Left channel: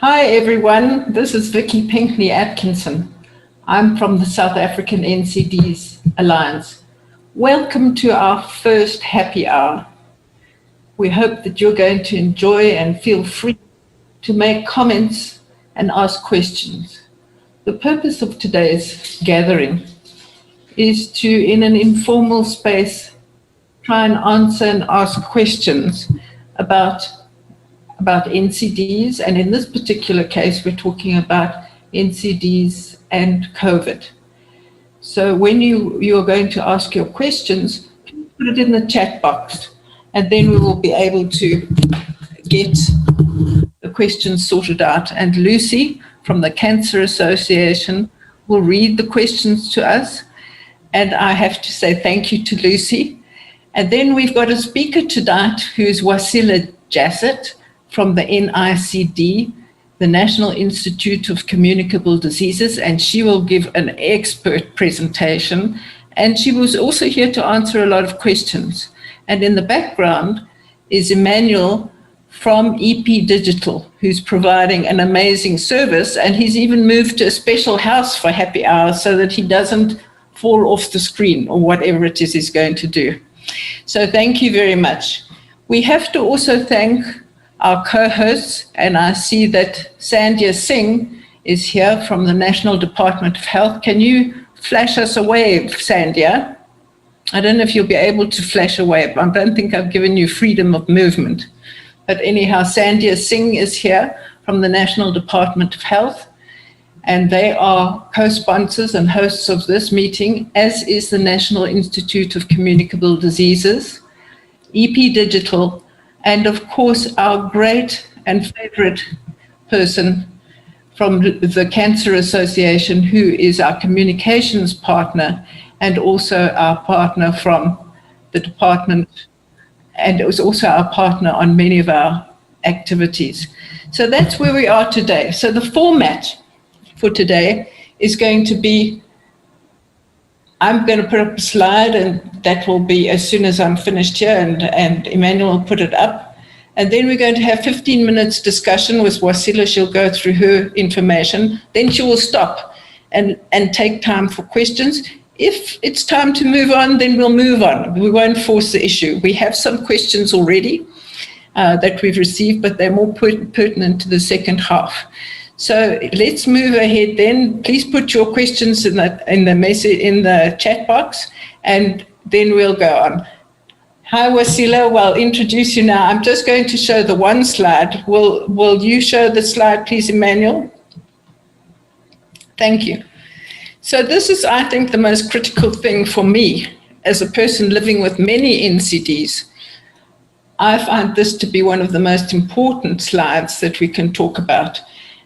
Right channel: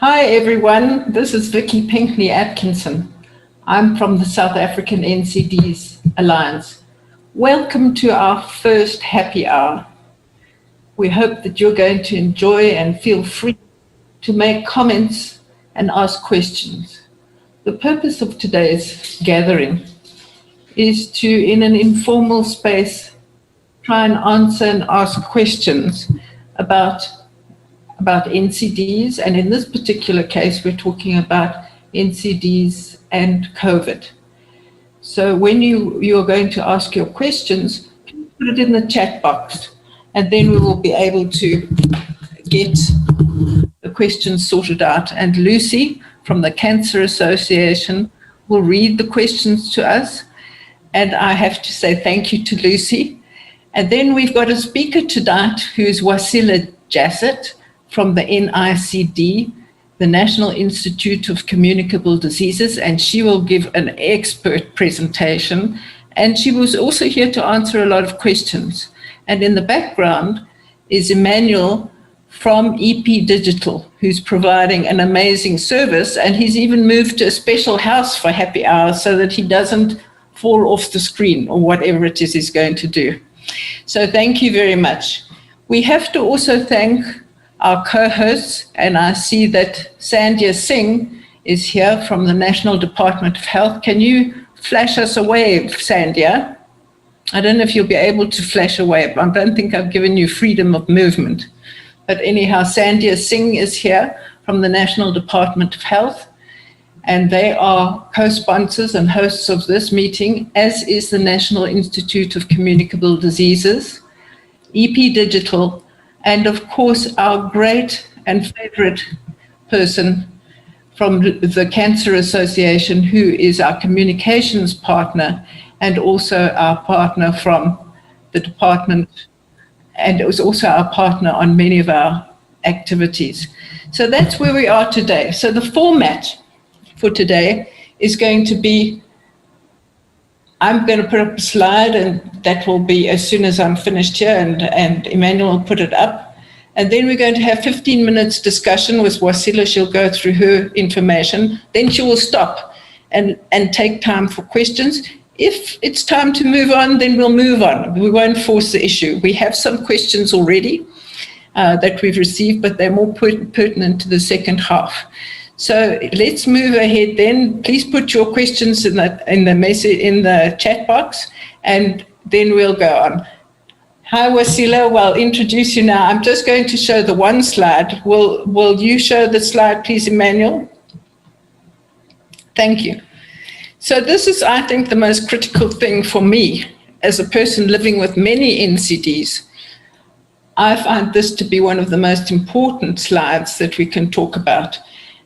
Hi everyone, this is Vicky Pinkney Atkinson. I'm from the South African NCDs Alliance. Welcome to our first happy hour. We hope that you're going to enjoy and feel free to make comments and ask questions. The purpose of today's gathering is to, in an informal space, try and answer and ask questions about NCDs, and in this particular case, we're talking about NCDs and COVID. So when you are going to ask your questions, put it in the chat box, and then we will be able to get the questions sorted out. And Lucy from the Cancer Association will read the questions to us, and I have to say thank you to Lucy. And then we've got a speaker tonight who's Waasila Jassat from the NICD, the National Institute of Communicable Diseases, and she will give an expert presentation. And she was also here to answer a lot of questions. And in the background is Emmanuel from EP Digital, who's providing an amazing service, and he's even moved to a special house for happy hours so that he doesn't fall off the screen or whatever it is he's going to do. So thank you very much. We have to also thank our co-hosts, and I see that SANCDA Singh is here from the National Department of Health. Can you flash us a wave, SANCDA? I don't know if you'll be able to flash a wave. I don't think I've given you freedom of movement. But anyhow, SANCDA Singh is here from the National Department of Health, and they are co-sponsors and hosts of this meeting, as is the National Institute of Communicable Diseases, EP Digital, and of course, our great and favorite person from the Cancer Association, who is our communications partner and also our partner from the department, and it was also our partner on many of our activities. So that's where we are today. So the format for today is going to be, I'm going to put up a slide, and that will be as soon as I'm finished here, and Emmanuel will put it up. And then we're going to have 15 minutes discussion with Waasila. She'll go through her information. Then she will stop and take time for questions. If it's time to move on, then we'll move on. We won't force the issue. We have some questions already that we've received, but they're more pertinent to the second half. So let's move ahead then. Please put your questions in the chat box, and then we'll go on. Hi, Waasila. Well, I'll introduce you now. I'm just going to show the one slide. Will you show the slide, please, Emmanuel? Thank you. So this is, I think, the most critical thing for me as a person living with many NCDs. I find this to be one of the most important slides that we can talk about.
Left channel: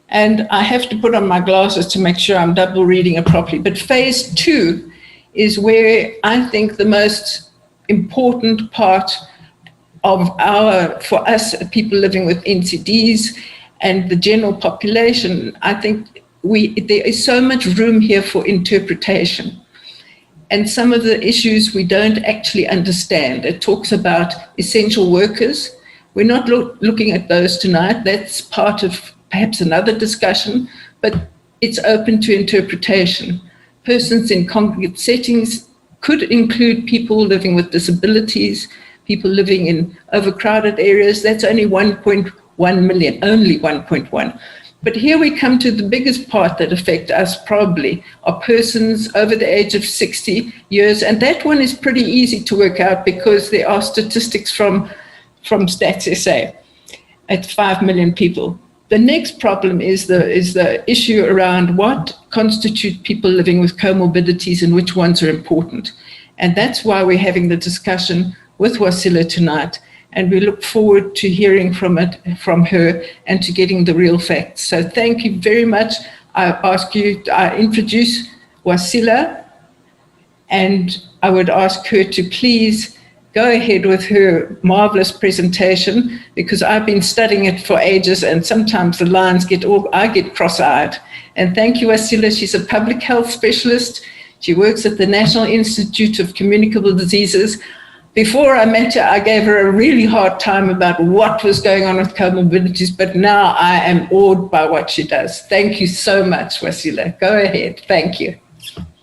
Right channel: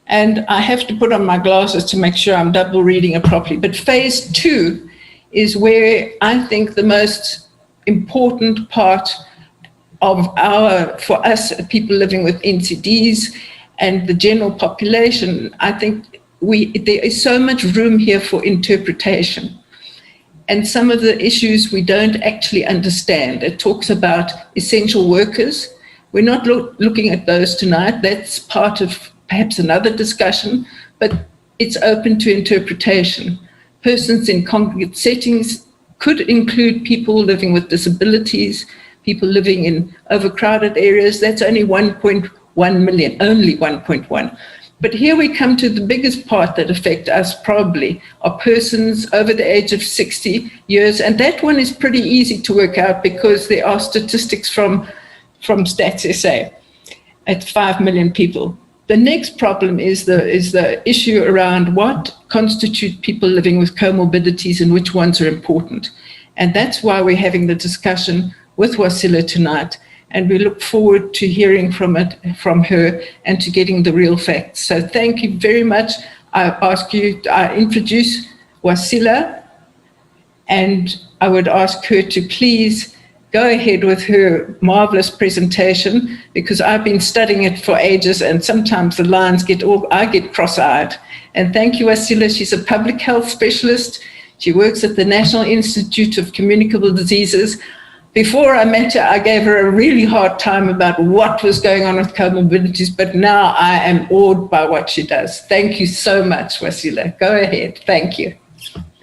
And I have to put on my glasses to make sure I'm double reading it properly. But phase 2 is where I think the most important part of for us people living with NCDs and the general population, I think there is so much room here for interpretation. And some of the issues we don't actually understand. It talks about essential workers. We're not looking at those tonight. That's part of perhaps another discussion, but it's open to interpretation. Persons in congregate settings could include people living with disabilities, people living in overcrowded areas. That's only 1.1 million, only 1.1. But here we come to the biggest part that affect us probably are persons over the age of 60 years. And that one is pretty easy to work out because there are statistics from Stats SA at 5 million people. The next problem is the issue around what constitute people living with comorbidities and which ones are important. And that's why we're having the discussion with Waasila tonight. And we look forward to hearing from her and to getting the real facts. So thank you very much. I introduce Waasila, and I would ask her to please go ahead with her marvelous presentation, because I've been studying it for ages and sometimes the lines I get cross-eyed. And thank you, Waasila. She's a public health specialist. She works at the National Institute of Communicable Diseases. Before I met her, I gave her a really hard time about what was going on with comorbidities, but now I am awed by what she does. Thank you so much, Waasila. Go ahead. Thank you.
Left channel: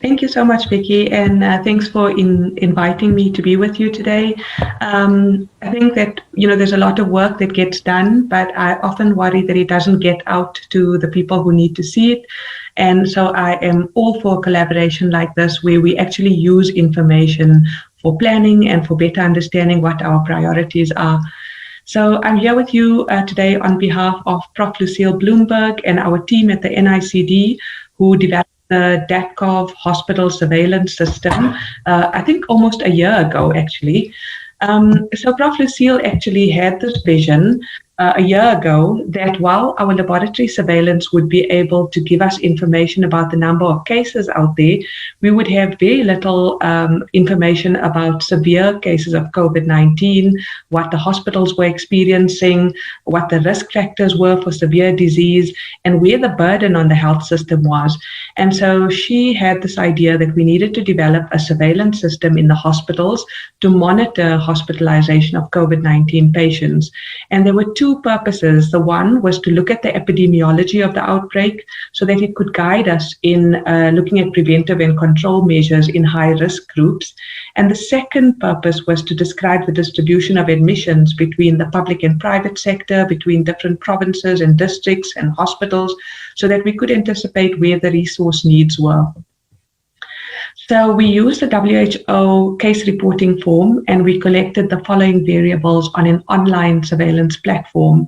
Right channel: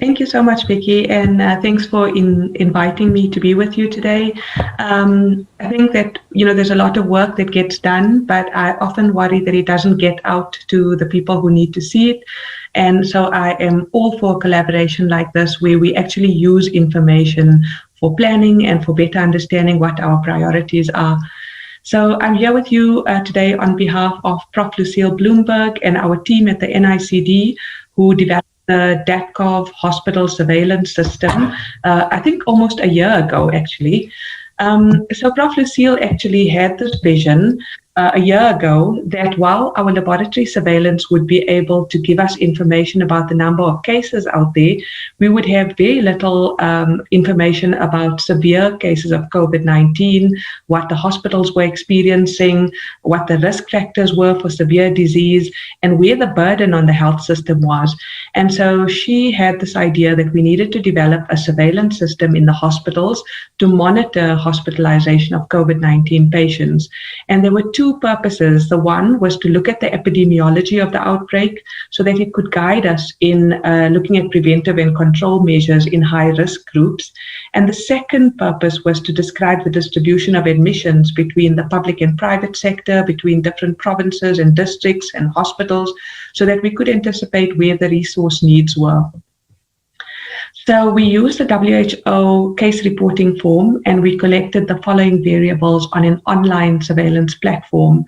Thank you so much, Vicky, and thanks for inviting me to be with you today. I think that, there's a lot of work that gets done, but I often worry that it doesn't get out to the people who need to see it. And so I am all for collaboration like this, where we actually use information for planning and for better understanding what our priorities are. So I'm here with you today on behalf of Prof. Lucille Bloomberg and our team at the NICD, who developed the DATCOV hospital surveillance system, I think almost a year ago, actually. So Prof. Lucille actually had this vision a year ago that while our laboratory surveillance would be able to give us information about the number of cases out there, we would have very little information about severe cases of COVID-19, what the hospitals were experiencing, what the risk factors were for severe disease, and where the burden on the health system was. And so she had this idea that we needed to develop a surveillance system in the hospitals to monitor hospitalization of COVID-19 patients. And there were two purposes. The one was to look at the epidemiology of the outbreak so that it could guide us in looking at preventive and control measures in high-risk groups. And the second purpose was to describe the distribution of admissions between the public and private sector, between different provinces and districts and hospitals, so that we could anticipate where the resource needs were. So we used the WHO case reporting form, and we collected the following variables on an online surveillance platform.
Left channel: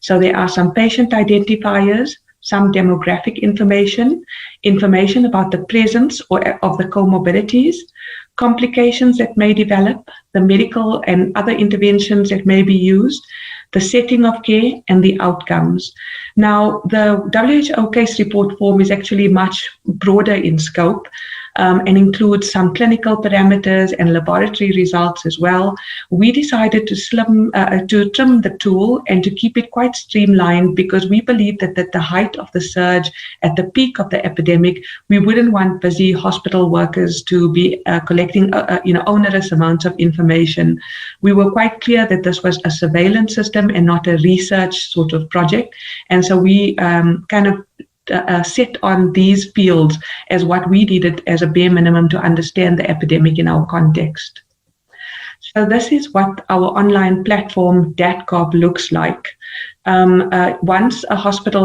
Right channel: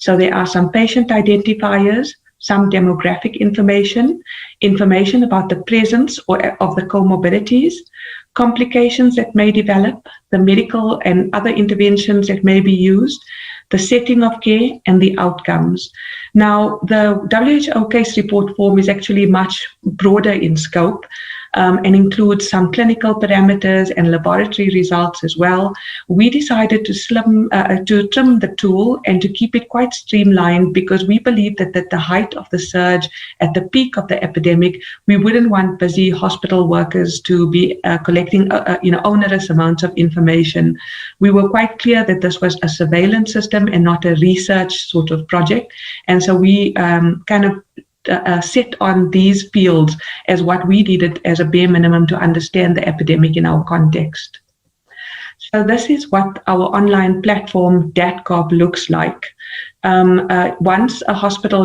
So there are some patient identifiers, some demographic information, information about the presence of the comorbidities, complications that may develop, the medical and other interventions that may be used, the setting of care, and the outcomes. Now, the WHO case report form is actually much broader in scope, and includes some clinical parameters and laboratory results as well. We decided to trim the tool and to keep it quite streamlined, because we believe that at the height of the surge, at the peak of the epidemic, we wouldn't want busy hospital workers to be collecting onerous amounts of information. We were quite clear that this was a surveillance system and not a research sort of project, and so we set on these fields as what we needed as a bare minimum to understand the epidemic in our context. So this is what our online platform DATCOV looks like. Once a hospital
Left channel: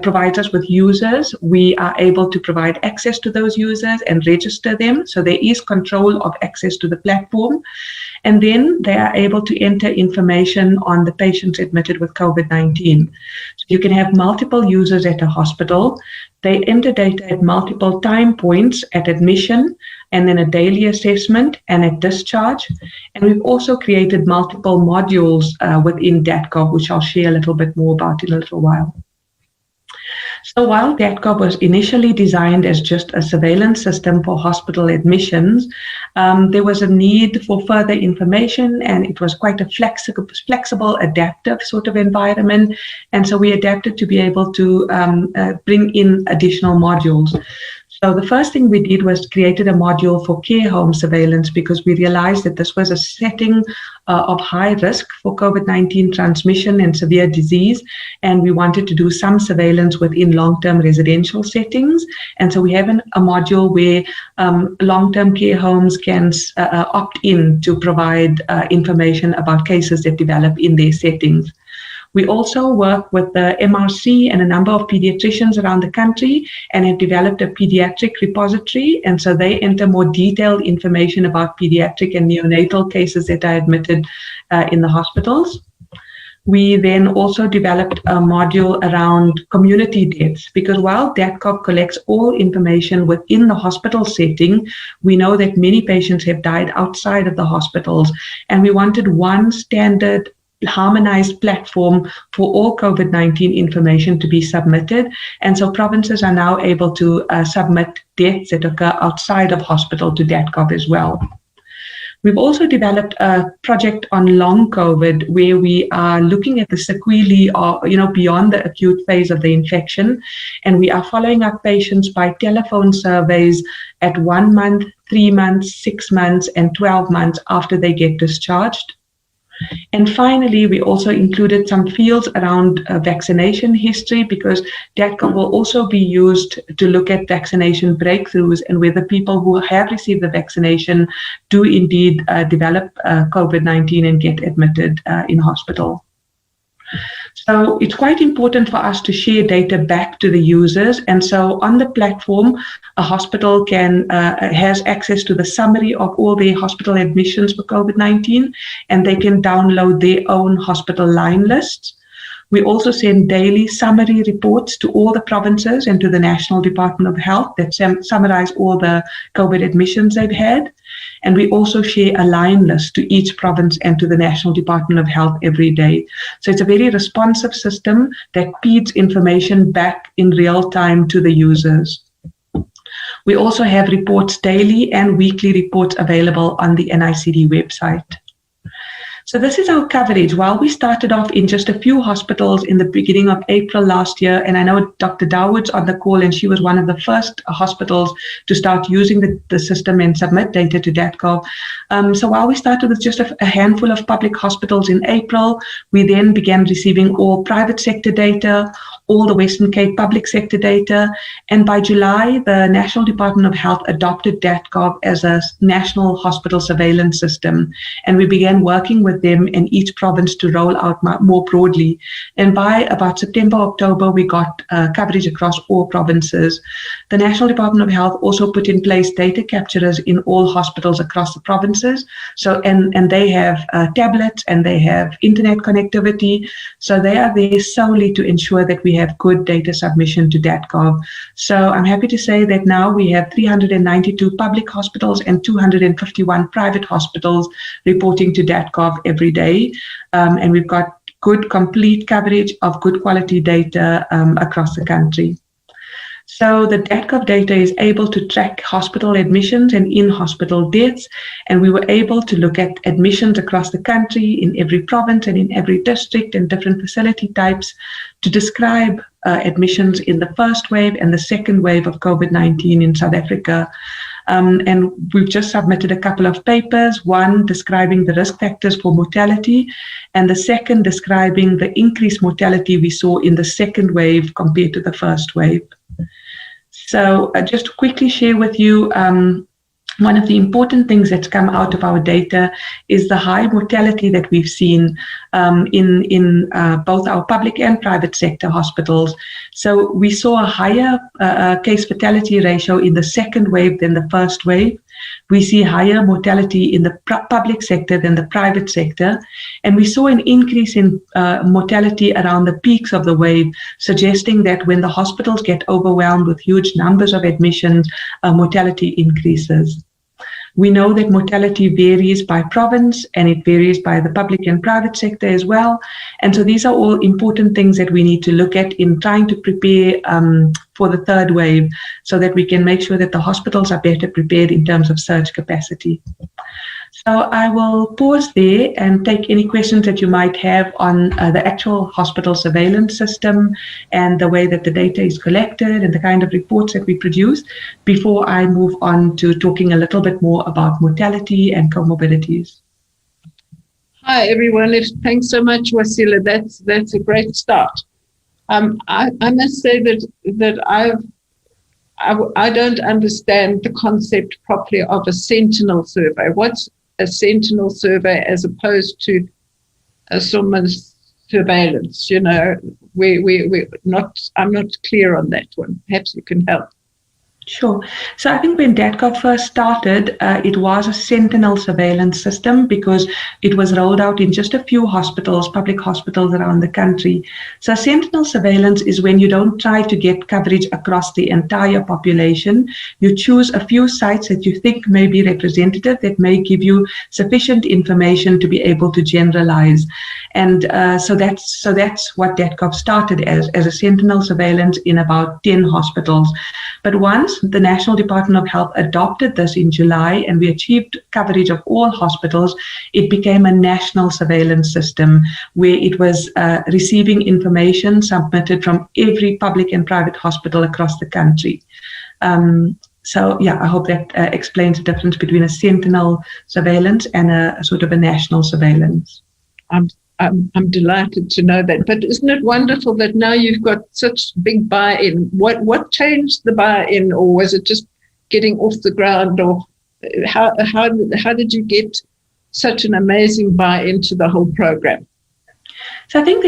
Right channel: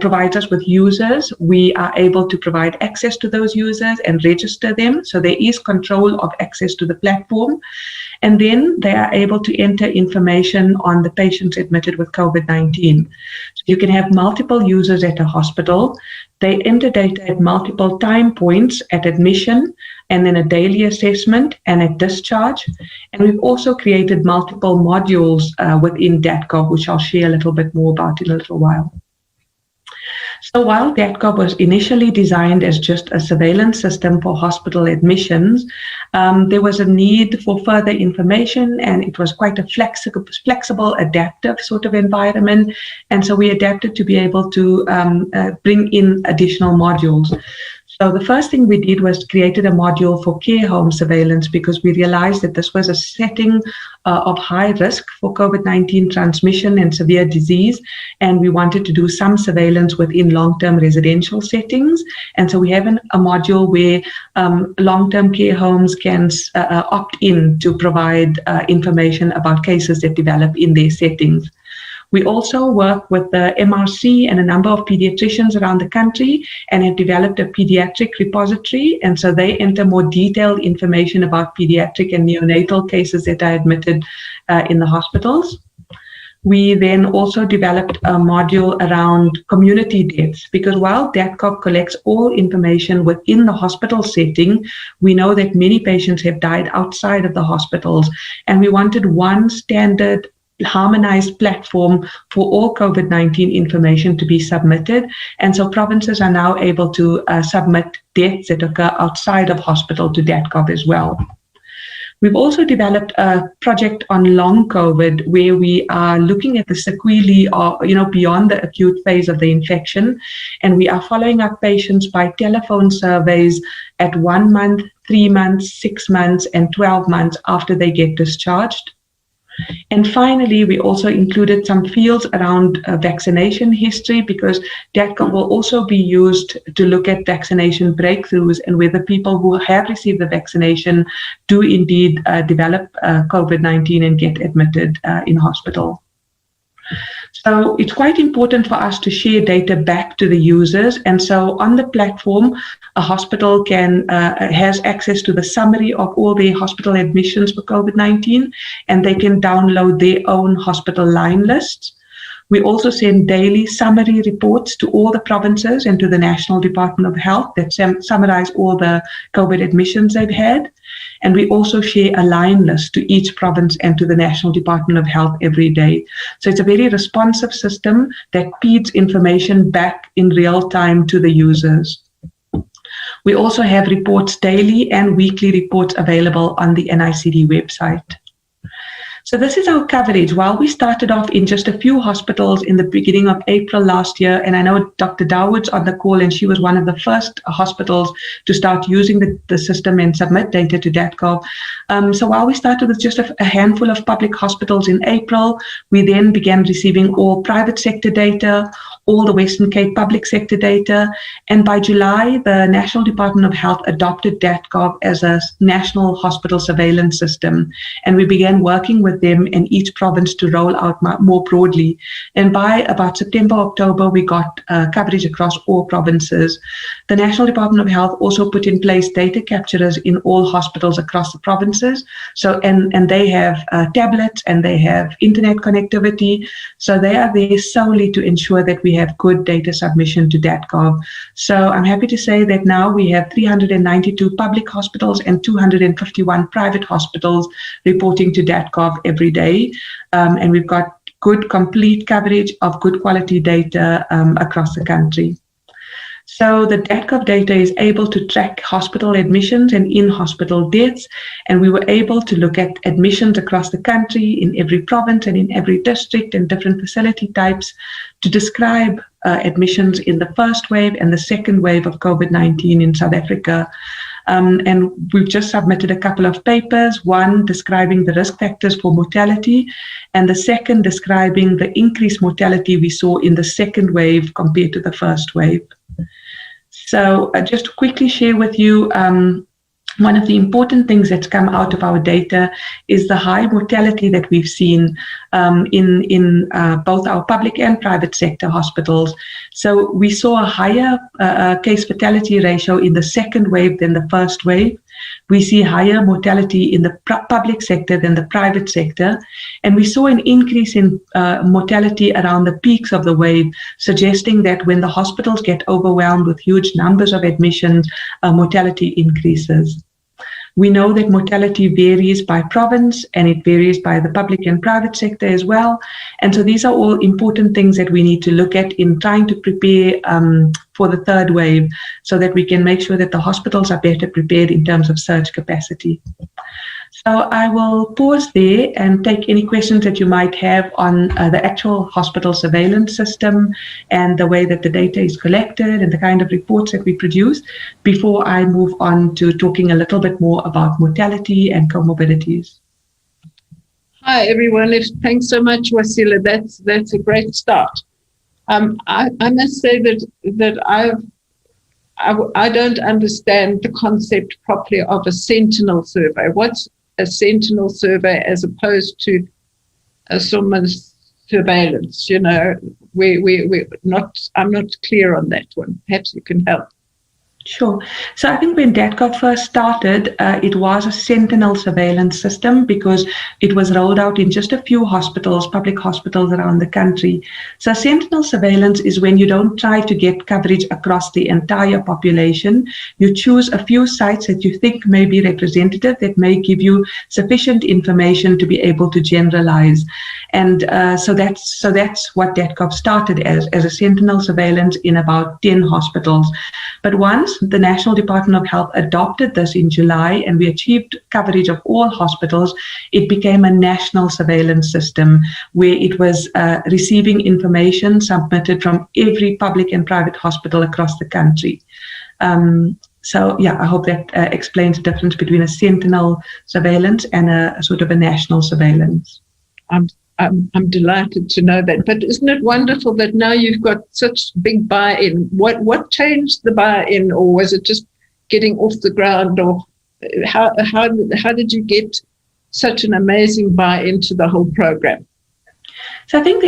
provides us with users, we are able to provide access to those users and register them. So there is control of access to the platform. And then they are able to enter information on the patients admitted with COVID-19. So you can have multiple users at a hospital. They enter data at multiple time points at admission, and then a daily assessment, and at discharge. And we've also created multiple modules within DATCOV, which I'll share a little bit more about in a little while. So while DATCOV was initially designed as just a surveillance system for hospital admissions, there was a need for further information, and it was quite a flexible, adaptive sort of environment. And so we adapted to be able to bring in additional modules. So the first thing we did was created a module for care home surveillance, because we realized that this was a setting of high risk for COVID-19 transmission and severe disease, and we wanted to do some surveillance within long-term residential settings. And so we have a module where long-term care homes can opt in to provide information about cases that develop in their settings. We also work with the MRC and a number of pediatricians around the country, and have developed a pediatric repository. And so they enter more detailed information about pediatric and neonatal cases that are admitted in the hospitals. We then also developed a module around community deaths, because while DATCOV collects all information within the hospital setting, we know that many patients have died outside of the hospitals, and we wanted one standard harmonized platform for all COVID-19 information to be submitted. And so provinces are now able to submit deaths that occur outside of hospital to DATCOV as well. We've also developed a project on long COVID where we are looking at the sequelae of, beyond the acute phase of the infection. And we are following up patients by telephone surveys at 1 month, 3 months, 6 months, and 12 months after they get discharged. And finally, we also included some fields around vaccination history, because DATCOV will also be used to look at vaccination breakthroughs and whether people who have received the vaccination do indeed develop COVID-19 and get admitted in hospital. So it's quite important for us to share data back to the users. And so on the platform, a hospital has access to the summary of all their hospital admissions for COVID-19, and they can download their own hospital line lists. We also send daily summary reports to all the provinces and to the National Department of Health that summarize all the COVID admissions they've had. And we also share a line list to each province and to the National Department of Health every day. So it's a very responsive system that feeds information back in real time to the users. We also have reports daily and weekly reports available on the NICD website. So this is our coverage. While we started off in just a few hospitals in the beginning of April last year, and I know Dr. Dawood's on the call, and she was one of the first hospitals to start using the system and submit data to DATCOV. So while we started with just a handful of public hospitals in April, we then began receiving all private sector data, all the Western Cape public sector data, and by July, the National Department of Health adopted DATCOV as a national hospital surveillance system, and we began working with them in each province to roll out more broadly. And by about September, October, we got coverage across all provinces. The National Department of Health also put in place data capturers in all hospitals across the provinces. So, and they have tablets and they have internet connectivity. So they are there solely to ensure that we have good data submission to DATCOV. So I'm happy to say that now we have 392 public hospitals and 251 private hospitals reporting to DATCOV every day. And we've got good complete coverage of good quality data across the country. So the DATCOV data is able to track hospital admissions and in-hospital deaths, and we were able to look at admissions across the country in every province and in every district and different facility types to describe admissions in the first wave and the second wave of COVID-19 in South Africa. And we've just submitted a couple of papers, one describing the risk factors for mortality, and the second describing the increased mortality we saw in the second wave compared to the first wave. So just to quickly share with you, one of the important things that's come out of our data is the high mortality that we've seen in both our public and private sector hospitals. So we saw a higher case fatality ratio in the second wave than the first wave. We see higher mortality in the public sector than the private sector. And we saw an increase in mortality around the peaks of the wave, suggesting that when the hospitals get overwhelmed with huge numbers of admissions, mortality increases. We know that mortality varies by province and it varies by the public and private sector as well. And so these are all important things that we need to look at in trying to prepare for the third wave so that we can make sure that the hospitals are better prepared in terms of surge capacity. So I will pause there and take any questions that you might have on the actual hospital surveillance system and the way that the data is collected and the kind of reports that we produce before I move on to talking a little bit more about mortality and comorbidities. Hi, everyone. Thanks so much, Waasila. That's a great start. I must say that I don't understand the concept properly of a sentinel survey. What's a sentinel survey as opposed to someone's surveillance? You know, I'm not clear on that one. Perhaps you can help. Sure. So I think when DATCOV first started, it was a sentinel surveillance system because it was rolled out in just a few hospitals, public hospitals around the country. So sentinel surveillance is when you don't try to get coverage across the entire population. You choose a few sites that you think may be representative, that may give you sufficient information to be able to generalize. And so that's what DATCOV started as a sentinel surveillance in about 10 hospitals. But once the National Department of Health adopted this in July and we achieved coverage of all hospitals, it became a national surveillance system where it was receiving information submitted from every public and private hospital across the country. So yeah, I hope that explains the difference between a sentinel surveillance and a sort of a national surveillance. I'm delighted to know that. But isn't it wonderful that now you've got such big buy-in? What changed the buy-in, or was it just getting off the ground? Or how did you get such an amazing buy-in to the whole program? So I think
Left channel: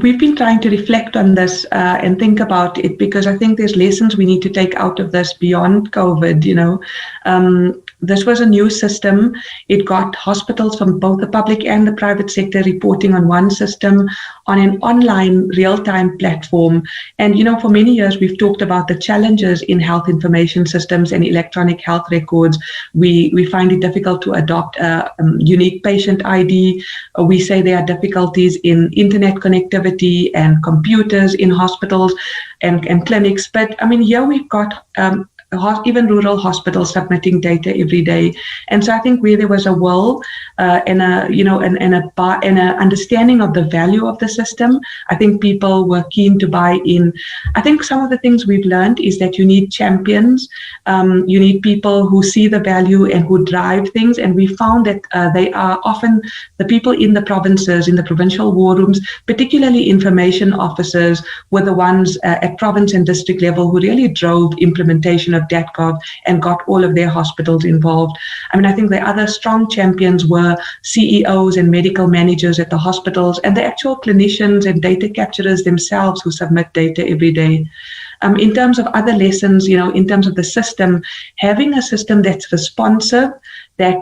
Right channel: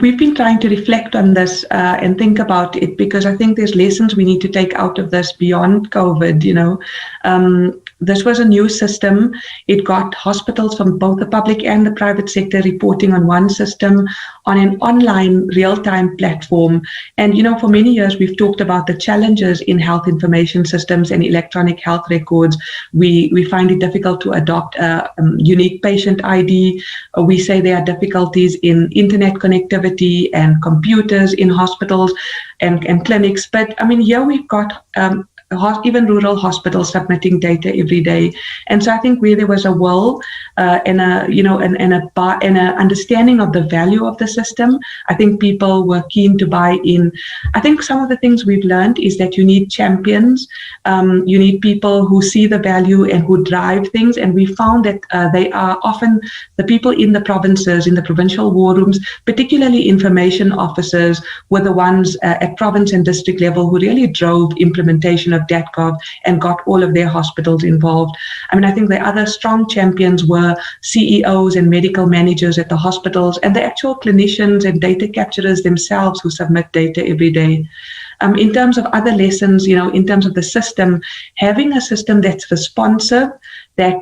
we've been trying to reflect on this and think about it, because I think there's lessons we need to take out of this beyond COVID. This was a new system. It got hospitals from both the public and the private sector reporting on one system, on an online real-time platform. And, for many years, we've talked about the challenges in health information systems and electronic health records. We find it difficult to adopt a unique patient ID. We say there are difficulties in internet connectivity and computers in hospitals and clinics. But I mean, here we've got even rural hospitals submitting data every day. And so I think where there was a will and a understanding of the value of the system, I think people were keen to buy in. I think some of the things we've learned is that you need champions, you need people who see the value and who drive things. And we found that they are often the people in the provinces, in the provincial war rooms, particularly information officers, were the ones at province and district level who really drove implementation of DATGov and got all of their hospitals involved. I mean, I think the other strong champions were CEOs and medical managers at the hospitals and the actual clinicians and data capturers themselves who submit data every day. In terms of other lessons, in terms of the system, having a system that's responsive, that,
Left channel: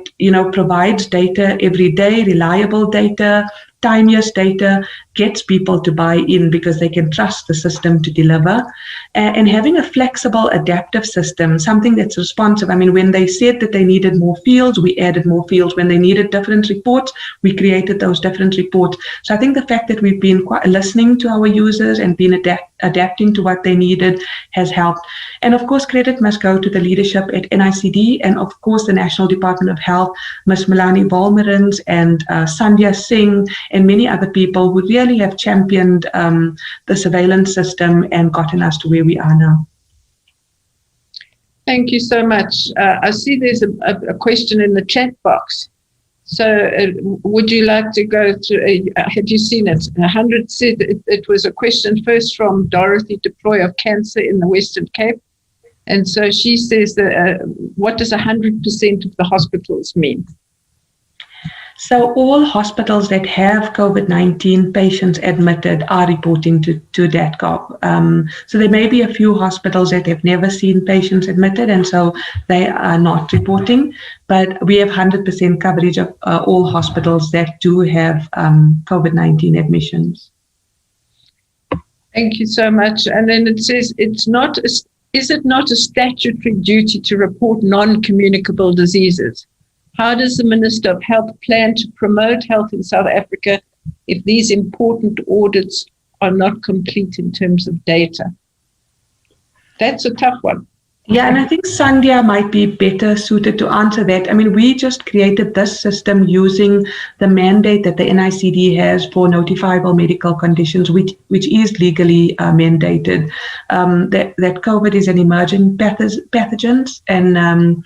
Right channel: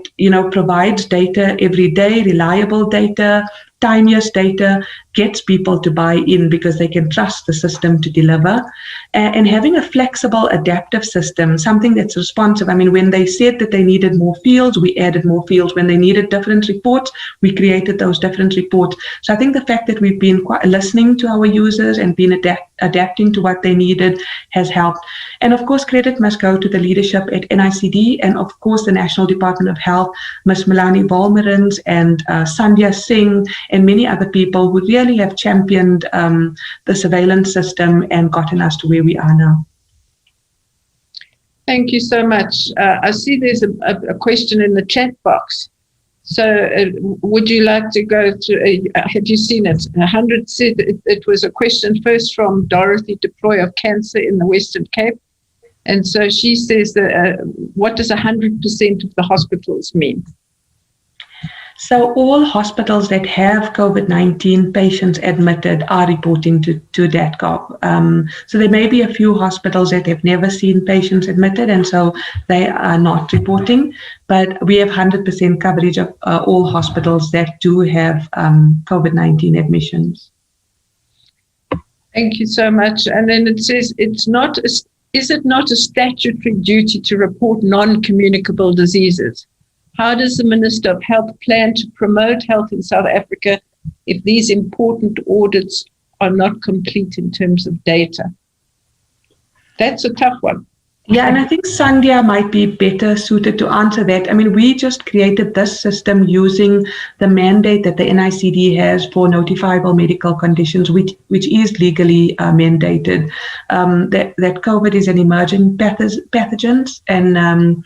provides data every day, reliable data, timeous data, gets people to buy in because they can trust the system to deliver. And having a flexible, adaptive system, something that's responsive. I mean, when they said that they needed more fields, we added more fields. When they needed different reports, we created those different reports. So I think the fact that we've been quite listening to our users and been adapting to what they needed has helped. And of course, credit must go to the leadership at NICD and of course the National Department of Health, Ms. Melanie Volmerins and Sandhya Singh and many other people who really have championed the surveillance system and gotten us to where we are now. Thank you so much. I see there's a question in the chat box. So would you like to go to, have you seen it? 100 said it was a question first from Dorothy DeProy of Cancer in the Western Cape. And so she says that what does 100% of the hospitals mean? So all hospitals that have COVID-19 patients admitted are reporting to DATGov. So there may be a few hospitals that have never seen patients admitted, and so they are not reporting. But we have 100% coverage of all hospitals that do have COVID-19 admissions. Thank you so much. And then it says, is it not a statutory duty to report non-communicable diseases? How does the Minister of Health plan to promote health in South Africa if these important audits are not complete in terms of data? That's a tough one. Yeah, and I think Sandhya might be better suited to answer that. I mean, we just created this system using the mandate that the NICD has for notifiable medical conditions, which is legally mandated. That COVID is an emerging pathogen, and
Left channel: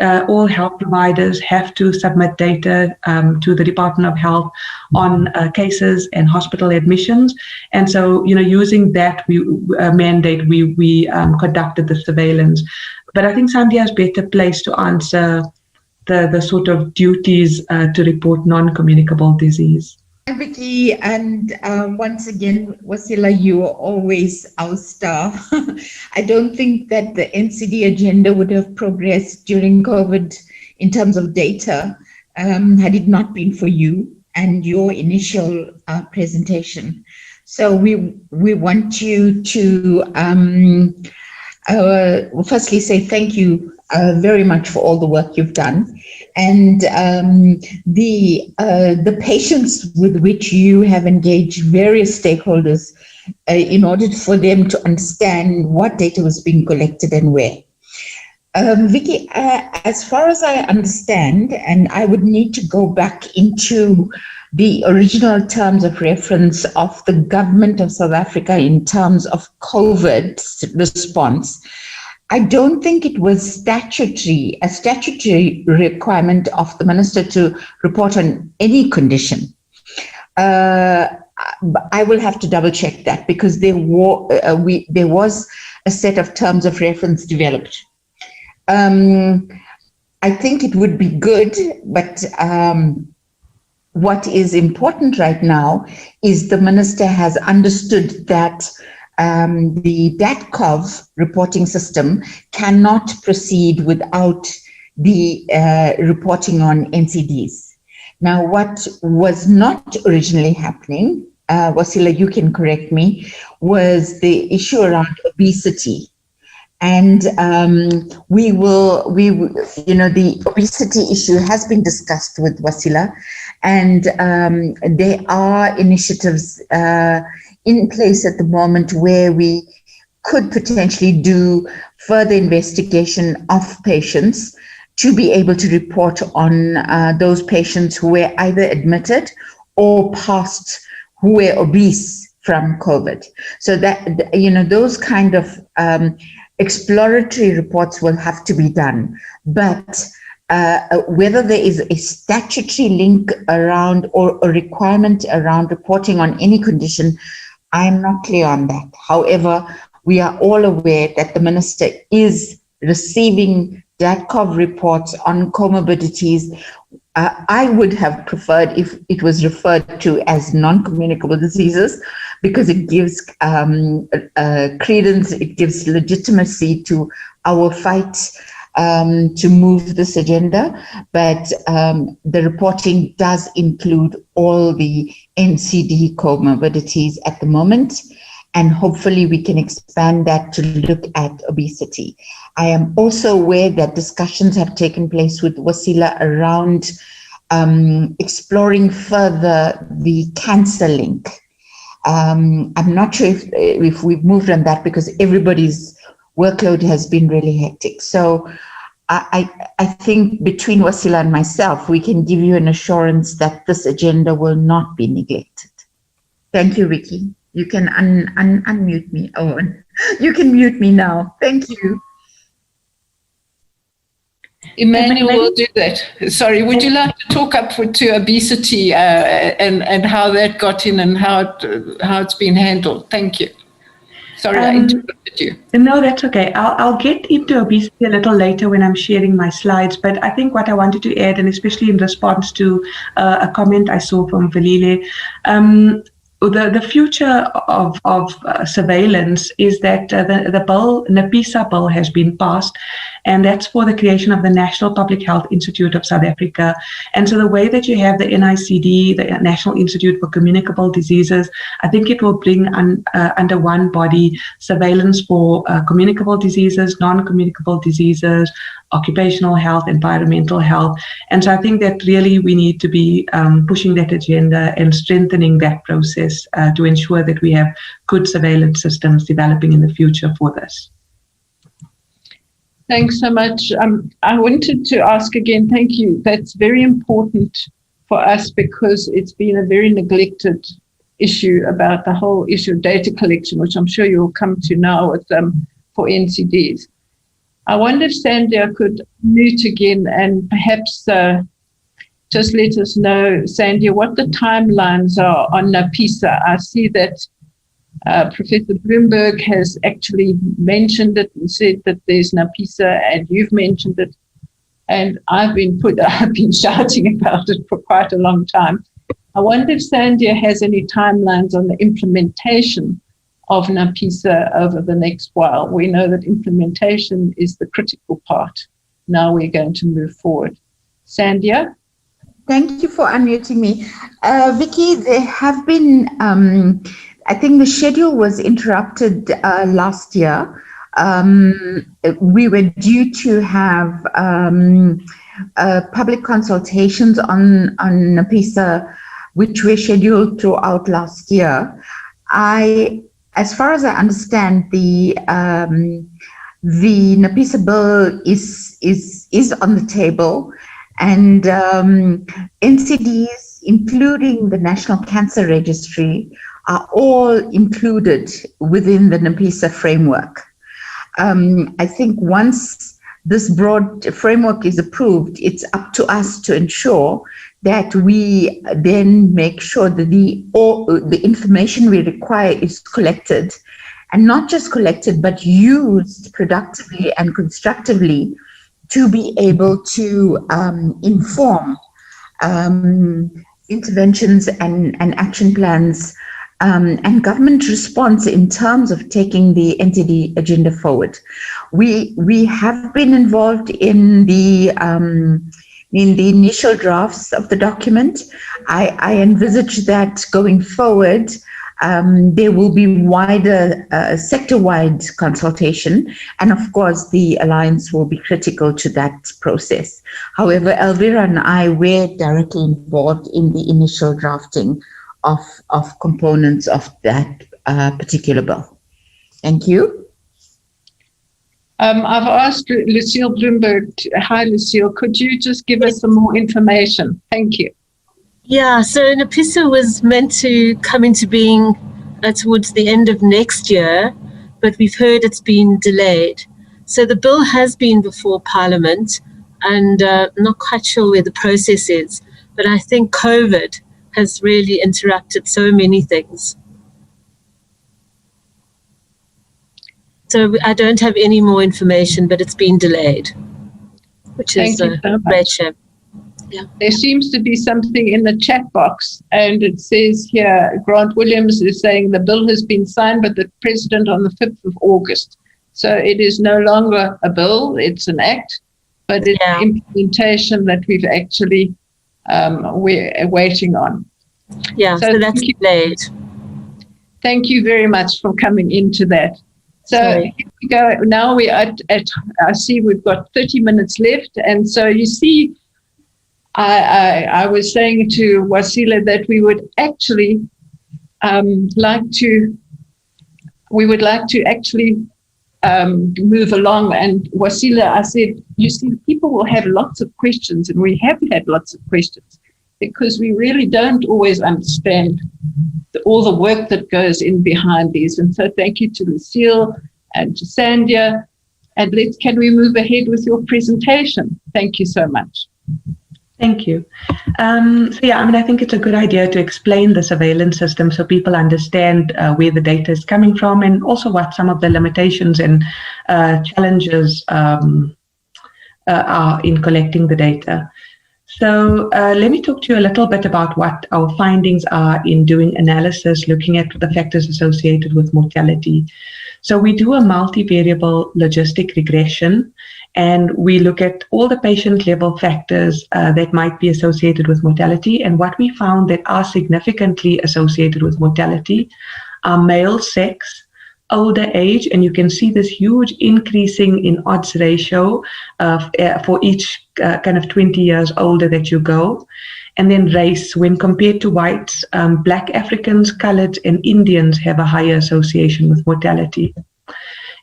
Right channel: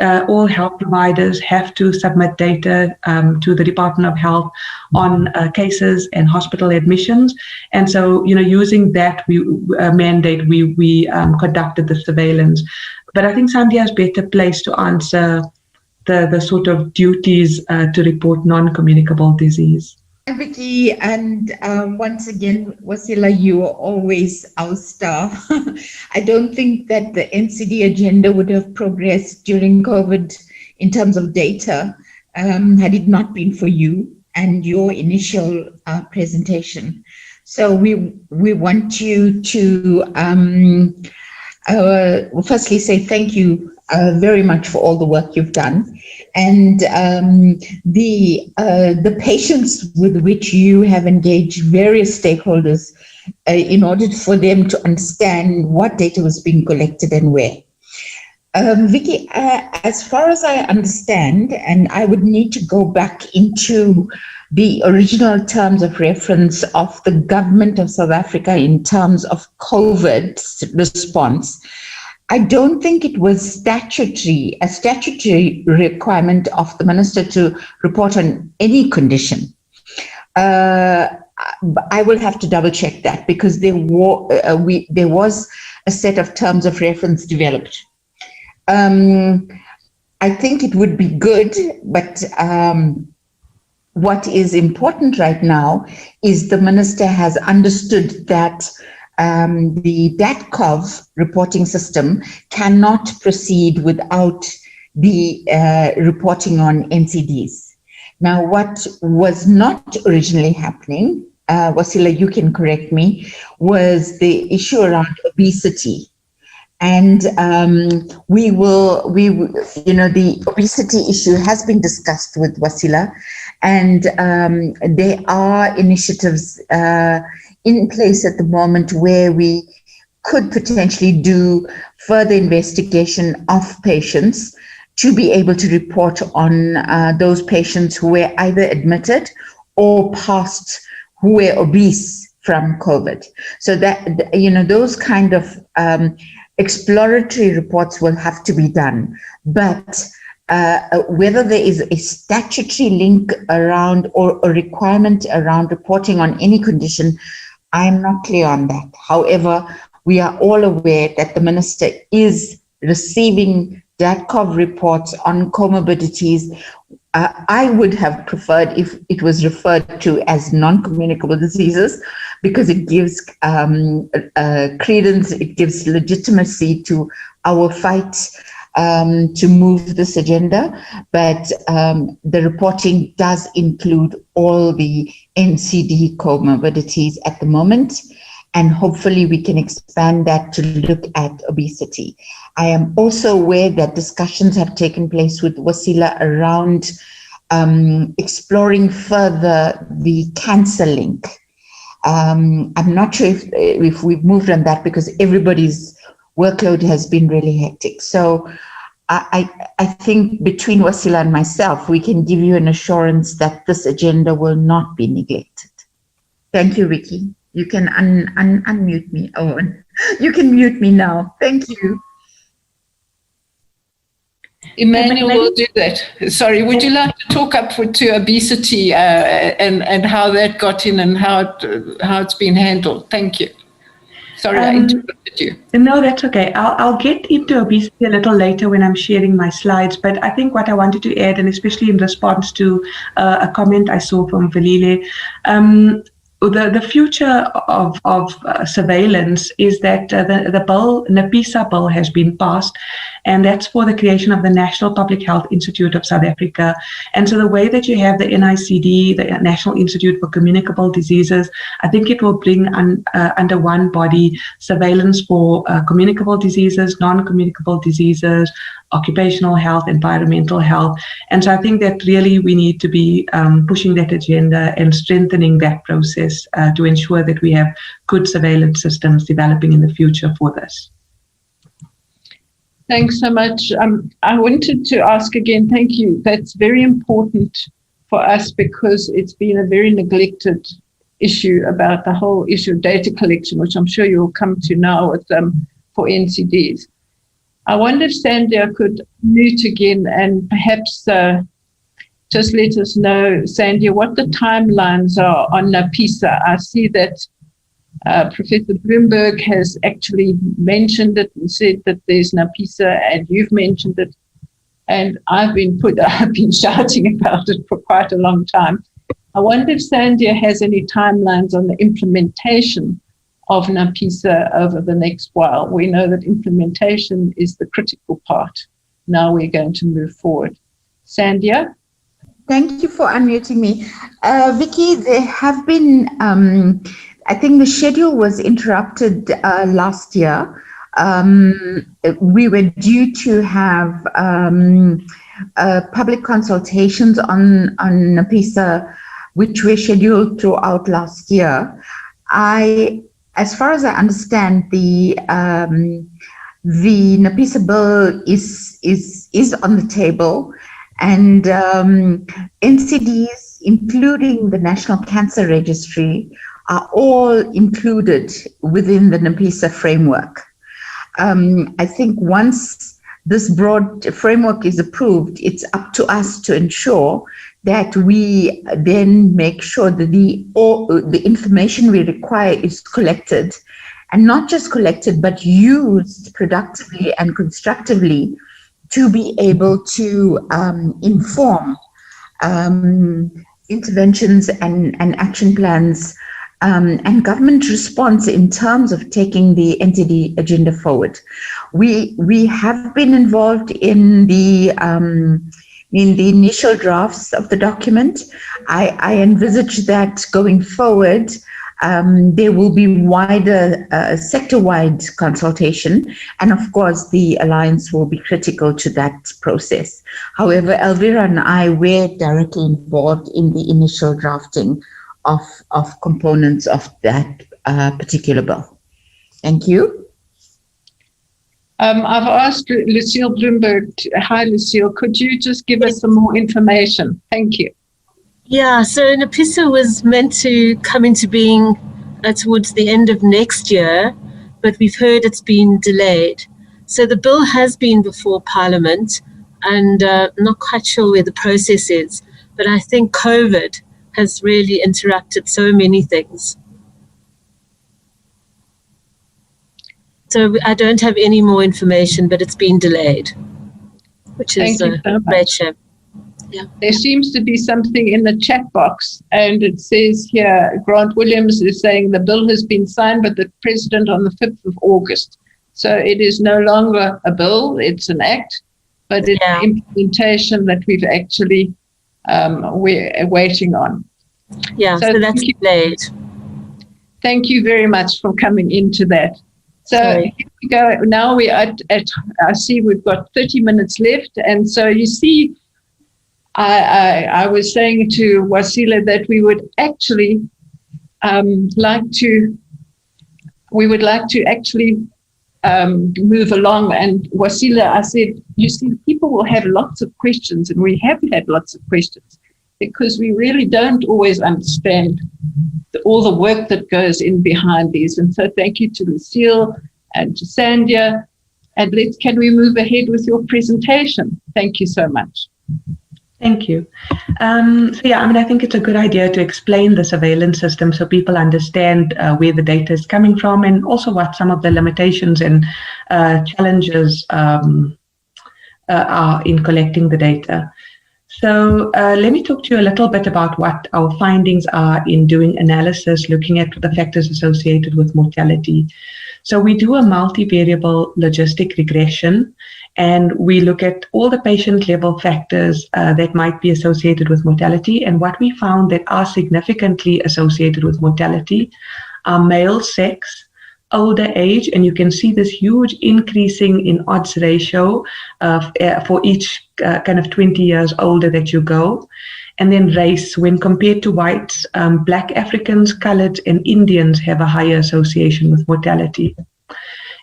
all health providers have to submit data to the Department of Health on cases and hospital admissions. And so, using that mandate, we conducted the surveillance. But I think Sandhya is better placed to answer the sort of duties to report non-communicable disease. Hi, Vicky, and once again, Waasila, you are always our star. I don't think that the NCD agenda would have progressed during COVID in terms of data had it not been for you and your initial presentation. So we want you to firstly say thank you very much for all the work you've done. And the patience with which you have engaged various stakeholders in order for them to understand what data was being collected and where. Vicky, as far as I understand, and I would need to go back into the original terms of reference of the government of South Africa in terms of COVID response, I don't think it was a statutory requirement of the minister to report on any condition. I will have to double check that, because there was a set of terms of reference developed. I think it would be good, but what is important right now is the minister has understood that the DATCOV reporting system cannot proceed without the reporting on NCDs. Now, what was not originally happening, Waasila, you can correct me, was the issue around obesity. And the obesity issue has been discussed with Waasila, and there are initiatives in place at the moment where we could potentially do further investigation of patients to be able to report on those patients who were either admitted or passed, who were obese from COVID. So that, those kind of exploratory reports will have to be done. But whether there is a statutory link around or a requirement around reporting on any condition, I'm not clear on that. However, we are all aware that the minister is receiving DATCOV reports on comorbidities. I would have preferred if it was referred to as non-communicable diseases, because it gives credence, it gives legitimacy to our fight to move this agenda. But the reporting does include all the NCD comorbidities at the moment, and hopefully we can expand that to look at obesity. I am also aware that discussions have taken place with Waasila around exploring further the cancer link. I'm not sure if we've moved on that, because everybody's workload has been really hectic. So I think between Waasila and myself, we can give you an assurance that this agenda will not be neglected. Thank you, Vicky. You can unmute me, Owen. You can mute me now. Thank you. Emmanuel will do that. Sorry, would you like to talk up to obesity and how that got in and how it's been handled? Thank you. Sorry, I interrupted you. No, that's okay. I'll get into obesity a little later when I'm sharing my slides, but I think what I wanted to add, and especially in response to a comment I saw from Valile, the future of surveillance is that the bill, NAPISA bill, has been passed, and that's for the creation of the National Public Health Institute of South Africa. And so the way that you have the NICD, the National Institute for Communicable Diseases, I think it will bring under one body surveillance for communicable diseases, non-communicable diseases, occupational health, environmental health. And so I think that really we need to be pushing that agenda and strengthening that process to ensure that we have good surveillance systems developing in the future for this. Thanks so much. I wanted to ask again, thank you. That's very important for us, because it's been a very neglected issue about the whole issue of data collection, which I'm sure you'll come to now with for NCDs. I wonder if SANCDA could mute again and perhaps just let us know, SANCDA, what the timelines are on NAPISA. I see that Professor Bloomberg has actually mentioned it and said that there's NAPISA, and you've mentioned it, and I've been shouting about it for quite a long time. I wonder if SANCDA has any timelines on the implementation of NAPISA over the next while. We know that implementation is the critical part. Now we're going to move forward. SANCDA? Thank you for unmuting me. Vicky, there have been, I think the schedule was interrupted last year. We were due to have public consultations on NAPISA, which were scheduled throughout last year. I as far as I understand, the NAPISA bill is on the table, and NCDs, including the National Cancer Registry, are all included within the NAPISA framework. I think once this broad framework is approved, it's up to us to ensure that we then make sure that the information we require is collected, and not just collected, but used productively and constructively to be able to inform interventions and action plans and government response in terms of taking the NCD agenda forward. We have been involved in the initial drafts of the document. I envisage that going forward, there will be wider sector-wide consultation, and of course the Alliance will be critical to that process. However, Elvira and I were directly involved in the initial drafting of components of that particular bill. Thank you. I've asked Lucille Bloomberg. Hi, Lucille. Could you just give us some more information? Thank you. Yeah, so NAPISA was meant to come into being towards the end of next year, but we've heard it's been delayed. So the bill has been before Parliament, and I'm not quite sure where the process is, but I think COVID has really interrupted so many things. So I don't have any more information, but it's been delayed, which is a great shame. Yeah. There seems to be something in the chat box, and it says here, Grant Williams is saying the bill has been signed by the President on the 5th of August. So it is no longer a bill, it's an act, but it's implementation that we've actually, we're waiting on. Yeah, so that's delayed. Thank you very much for coming into that. So here we go. Now we are at I see we've got 30 minutes left, and so you see, I was saying to Waasila that we would actually like to actually move along. And Waasila, I said, you see, people will have lots of questions, and we have had lots of questions because we really don't always understand all the work that goes in behind these. And so thank you to Lucille and to Sandhya. And can we move ahead with your presentation? Thank you so much. Thank you. I think it's a good idea to explain the surveillance system so people understand where the data is coming from, and also what some of the limitations and challenges are in collecting the data. So let me talk to you a little bit about what our findings are in doing analysis, looking at the factors associated with mortality. So we do a multivariable logistic regression, and we look at all the patient level factors that might be associated with mortality. And what we found that are significantly associated with mortality are male sex, older age, and you can see this huge increasing in odds ratio for each kind of 20 years older that you go. And then race, when compared to whites, Black Africans, Coloreds, and Indians have a higher association with mortality.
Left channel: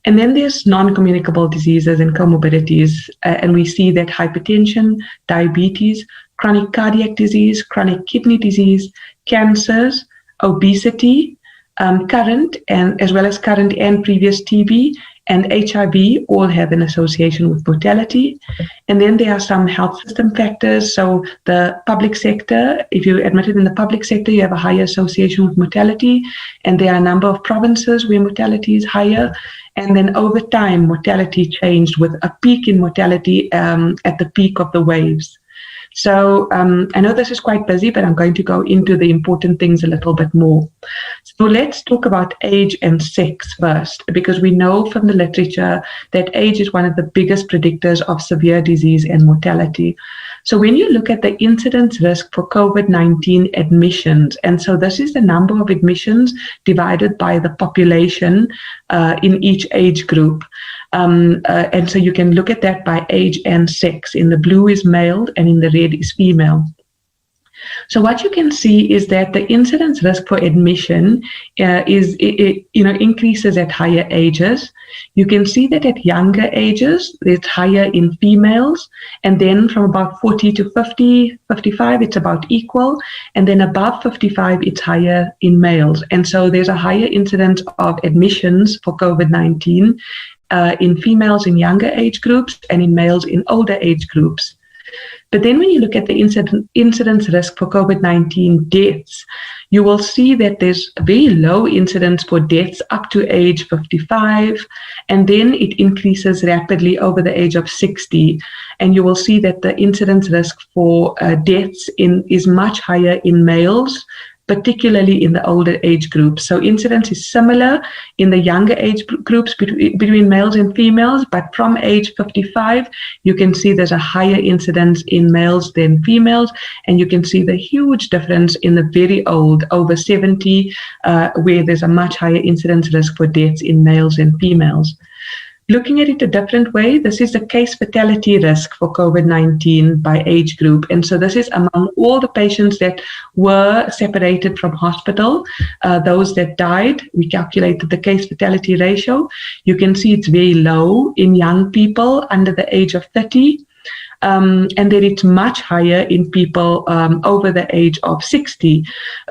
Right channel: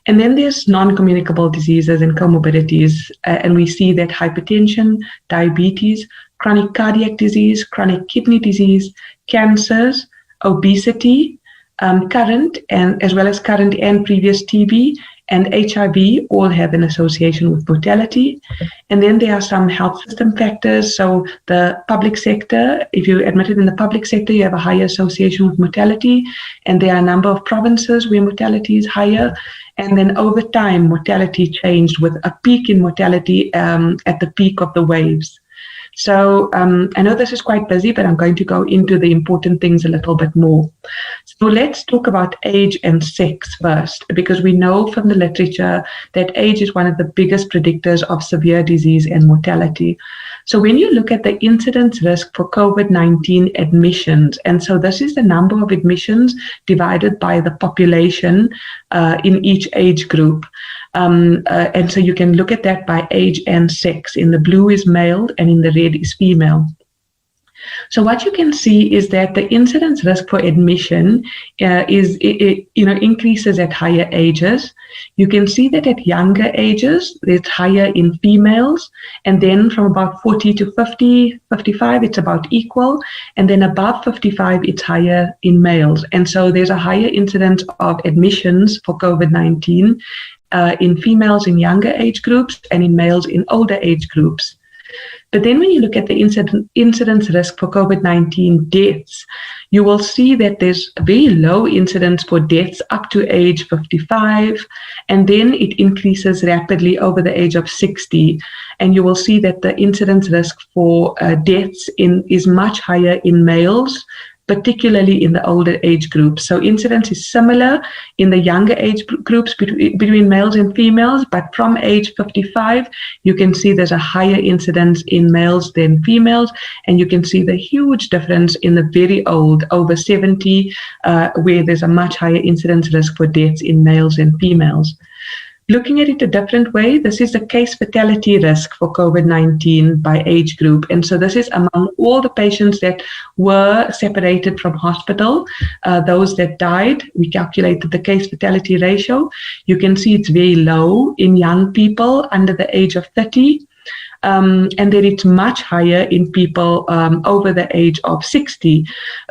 And then there's non-communicable diseases and comorbidities, and we see that hypertension, diabetes, chronic cardiac disease, chronic kidney disease, cancers, obesity, current and as well as current and previous TB and HIV all have an association with mortality. And then there are some health system factors. So the public sector, if you're admitted in the public sector, you have a higher association with mortality. And there are a number of provinces where mortality is higher. And then over time, mortality changed with a peak in mortality at the peak of the waves. So I know this is quite busy, but I'm going to go into the important things a little bit more. So let's talk about age and sex first, because we know from the literature that age is one of the biggest predictors of severe disease and mortality. So when you look at the incidence risk for COVID-19 admissions, and so this is the number of admissions divided by the population in each age group. And so you can look at that by age and sex. In the blue is male and in the red is female. So what you can see is that the incidence risk for admission increases at higher ages. You can see that at younger ages, it's higher in females, and then from about 40 to 50, 55, it's about equal, and then above 55, it's higher in males. And so there's a higher incidence of admissions for COVID-19 in females in younger age groups and in males in older age groups. But then when you look at the incidence risk for COVID-19 deaths, you will see that there's a very low incidence for deaths up to age 55, and then it increases rapidly over the age of 60. And you will see that the incidence risk for deaths is much higher in males, particularly in the older age groups. So incidence is similar in the younger age groups between males and females, but from age 55, you can see there's a higher incidence in males than females, and you can see the huge difference in the very old, over 70, where there's a much higher incidence risk for deaths in males and females. Looking at it a different way, this is the case fatality risk for COVID-19 by age group. And so this is among all the patients that were separated from hospital, those that died. We calculated the case fatality ratio. You can see it's very low in young people under the age of 30. And then it's much higher in people over the age of 60.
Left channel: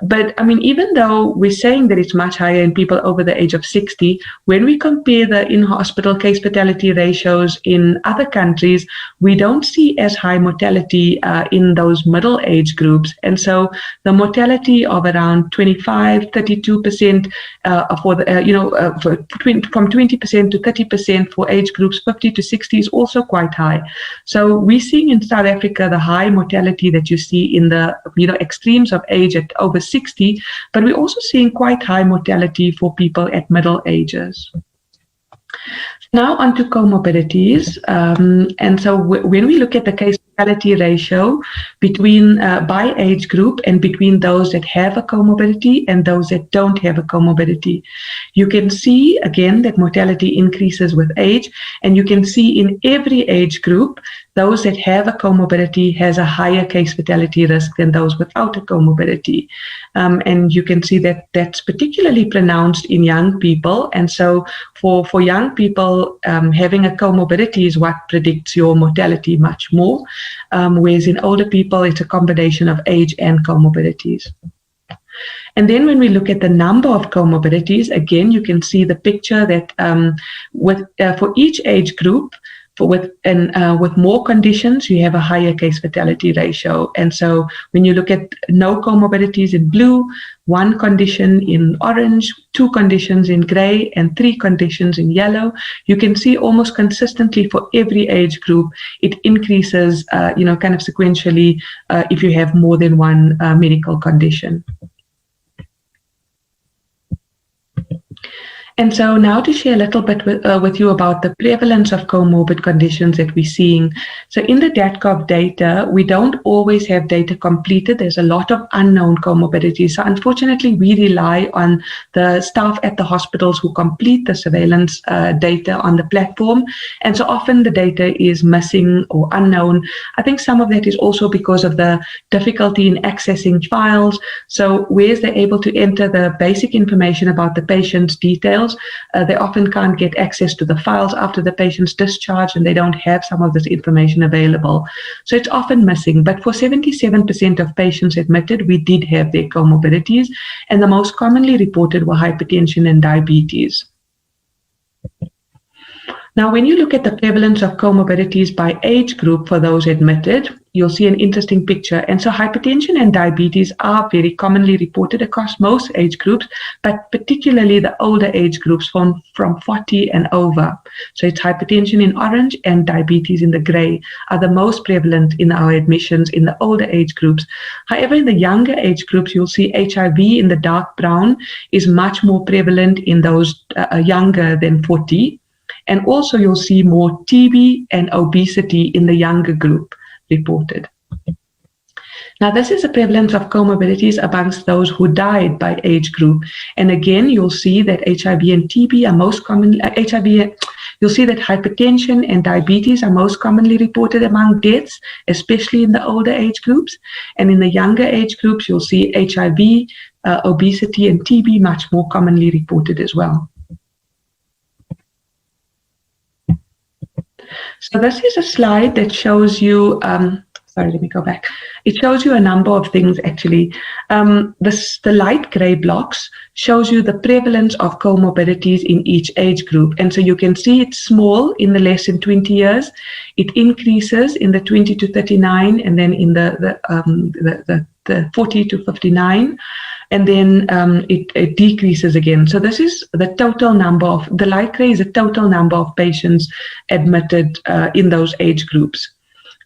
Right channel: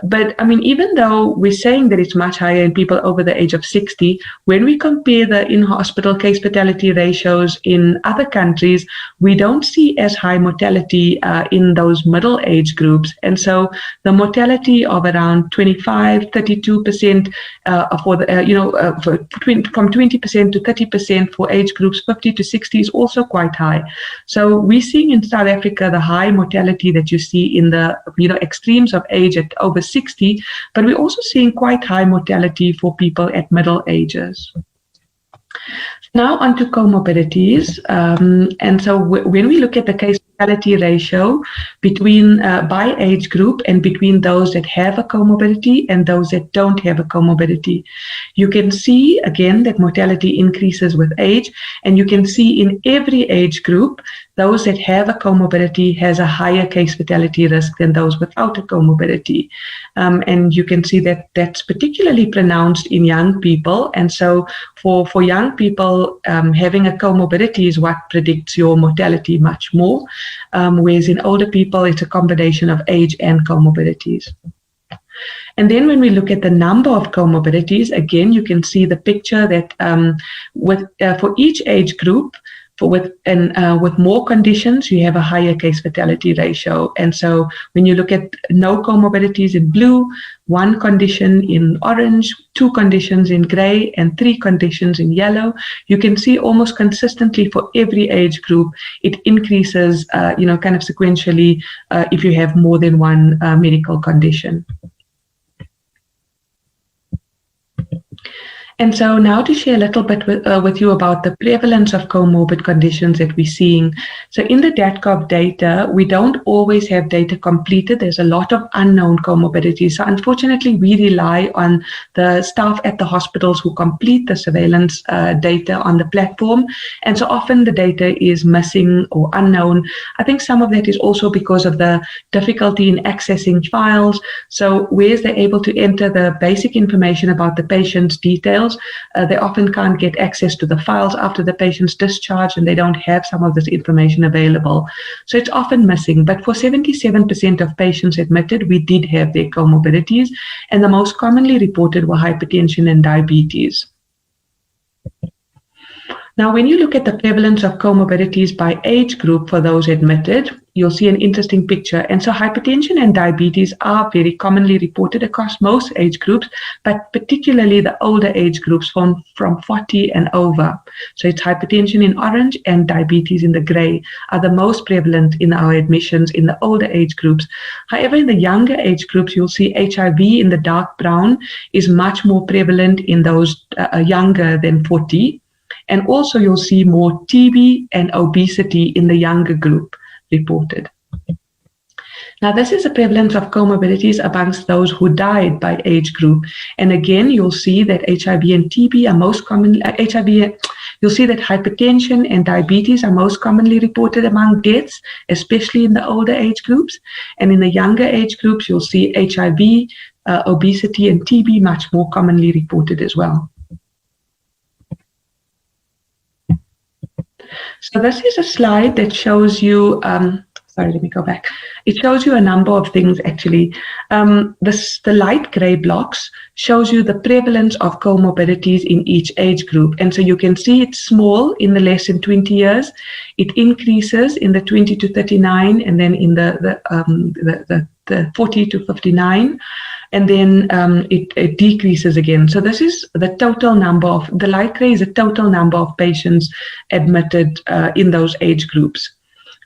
But I mean, even though we're saying that it's much higher in people over the age of 60, when we compare the in-hospital case fatality ratios in other countries, we don't see as high mortality in those middle age groups. And so the mortality of around 25, 32% for the, from 20% to 30% for age groups 50 to 60 is also quite high. So we're seeing in South Africa the high mortality that you see in the extremes of age at over 60, but we're also seeing quite high mortality for people at middle ages. Now onto comorbidities, and so when we look at the case fatality ratio between by age group and between those that have a comorbidity and those that don't have a comorbidity, you can see again that mortality increases with age, and you can see in every age group those that have a comorbidity has a higher case fatality risk than those without a comorbidity. And you can see that that's particularly pronounced in young people. And so for young people, having a comorbidity is what predicts your mortality much more. Whereas in older people, it's a combination of age and comorbidities. And then when we look at the number of comorbidities, again, you can see the picture that for each age group, with more conditions, you have a higher case fatality ratio. And so when you look at no comorbidities in blue, one condition in orange, two conditions in gray, and three conditions in yellow, you can see almost consistently for every age group, it increases, kind of sequentially if you have more than one medical condition. And so now to share a little bit with you about the prevalence of comorbid conditions that we're seeing. So in the DATCOV data, we don't always have data completed. There's a lot of unknown comorbidities. So unfortunately, we rely on the staff at the hospitals who complete the surveillance data on the platform. And so often the data is missing or unknown. I think some of that is also because of the difficulty in accessing files. So whereas they're able to enter the basic information about the patient's details, they often can't get access to the files after the patient's discharge, and they don't have some of this information available. So it's often missing. But for 77% of patients admitted, we did have their comorbidities, and the most commonly reported were hypertension and diabetes. Now, when you look at the prevalence of comorbidities by age group for those admitted, you'll see an interesting picture. And so hypertension and diabetes are very commonly reported across most age groups, but particularly the older age groups from 40 and over. So it's hypertension in orange and diabetes in the gray are the most prevalent in our admissions in the older age groups. However, in the younger age groups, you'll see HIV in the dark brown is much more prevalent in those younger than 40. And also you'll see more TB and obesity in the younger group reported. Now, this is a prevalence of comorbidities amongst those who died by age group. And again, you'll see that HIV and TB are most commonly, you'll see that hypertension and diabetes are most commonly reported among deaths, especially in the older age groups. And in the younger age groups, you'll see HIV, obesity, and TB much more commonly reported as well. So this is a slide that shows you, sorry, let me go back. It shows you a number of things actually. The light gray blocks shows you the prevalence of comorbidities in each age group. And so you can see it's small in the less than 20 years. It increases in the 20 to 39 and then in the 40 to 59. And then it decreases again. So this is the total number of, the light gray is the total number of patients admitted in those age groups.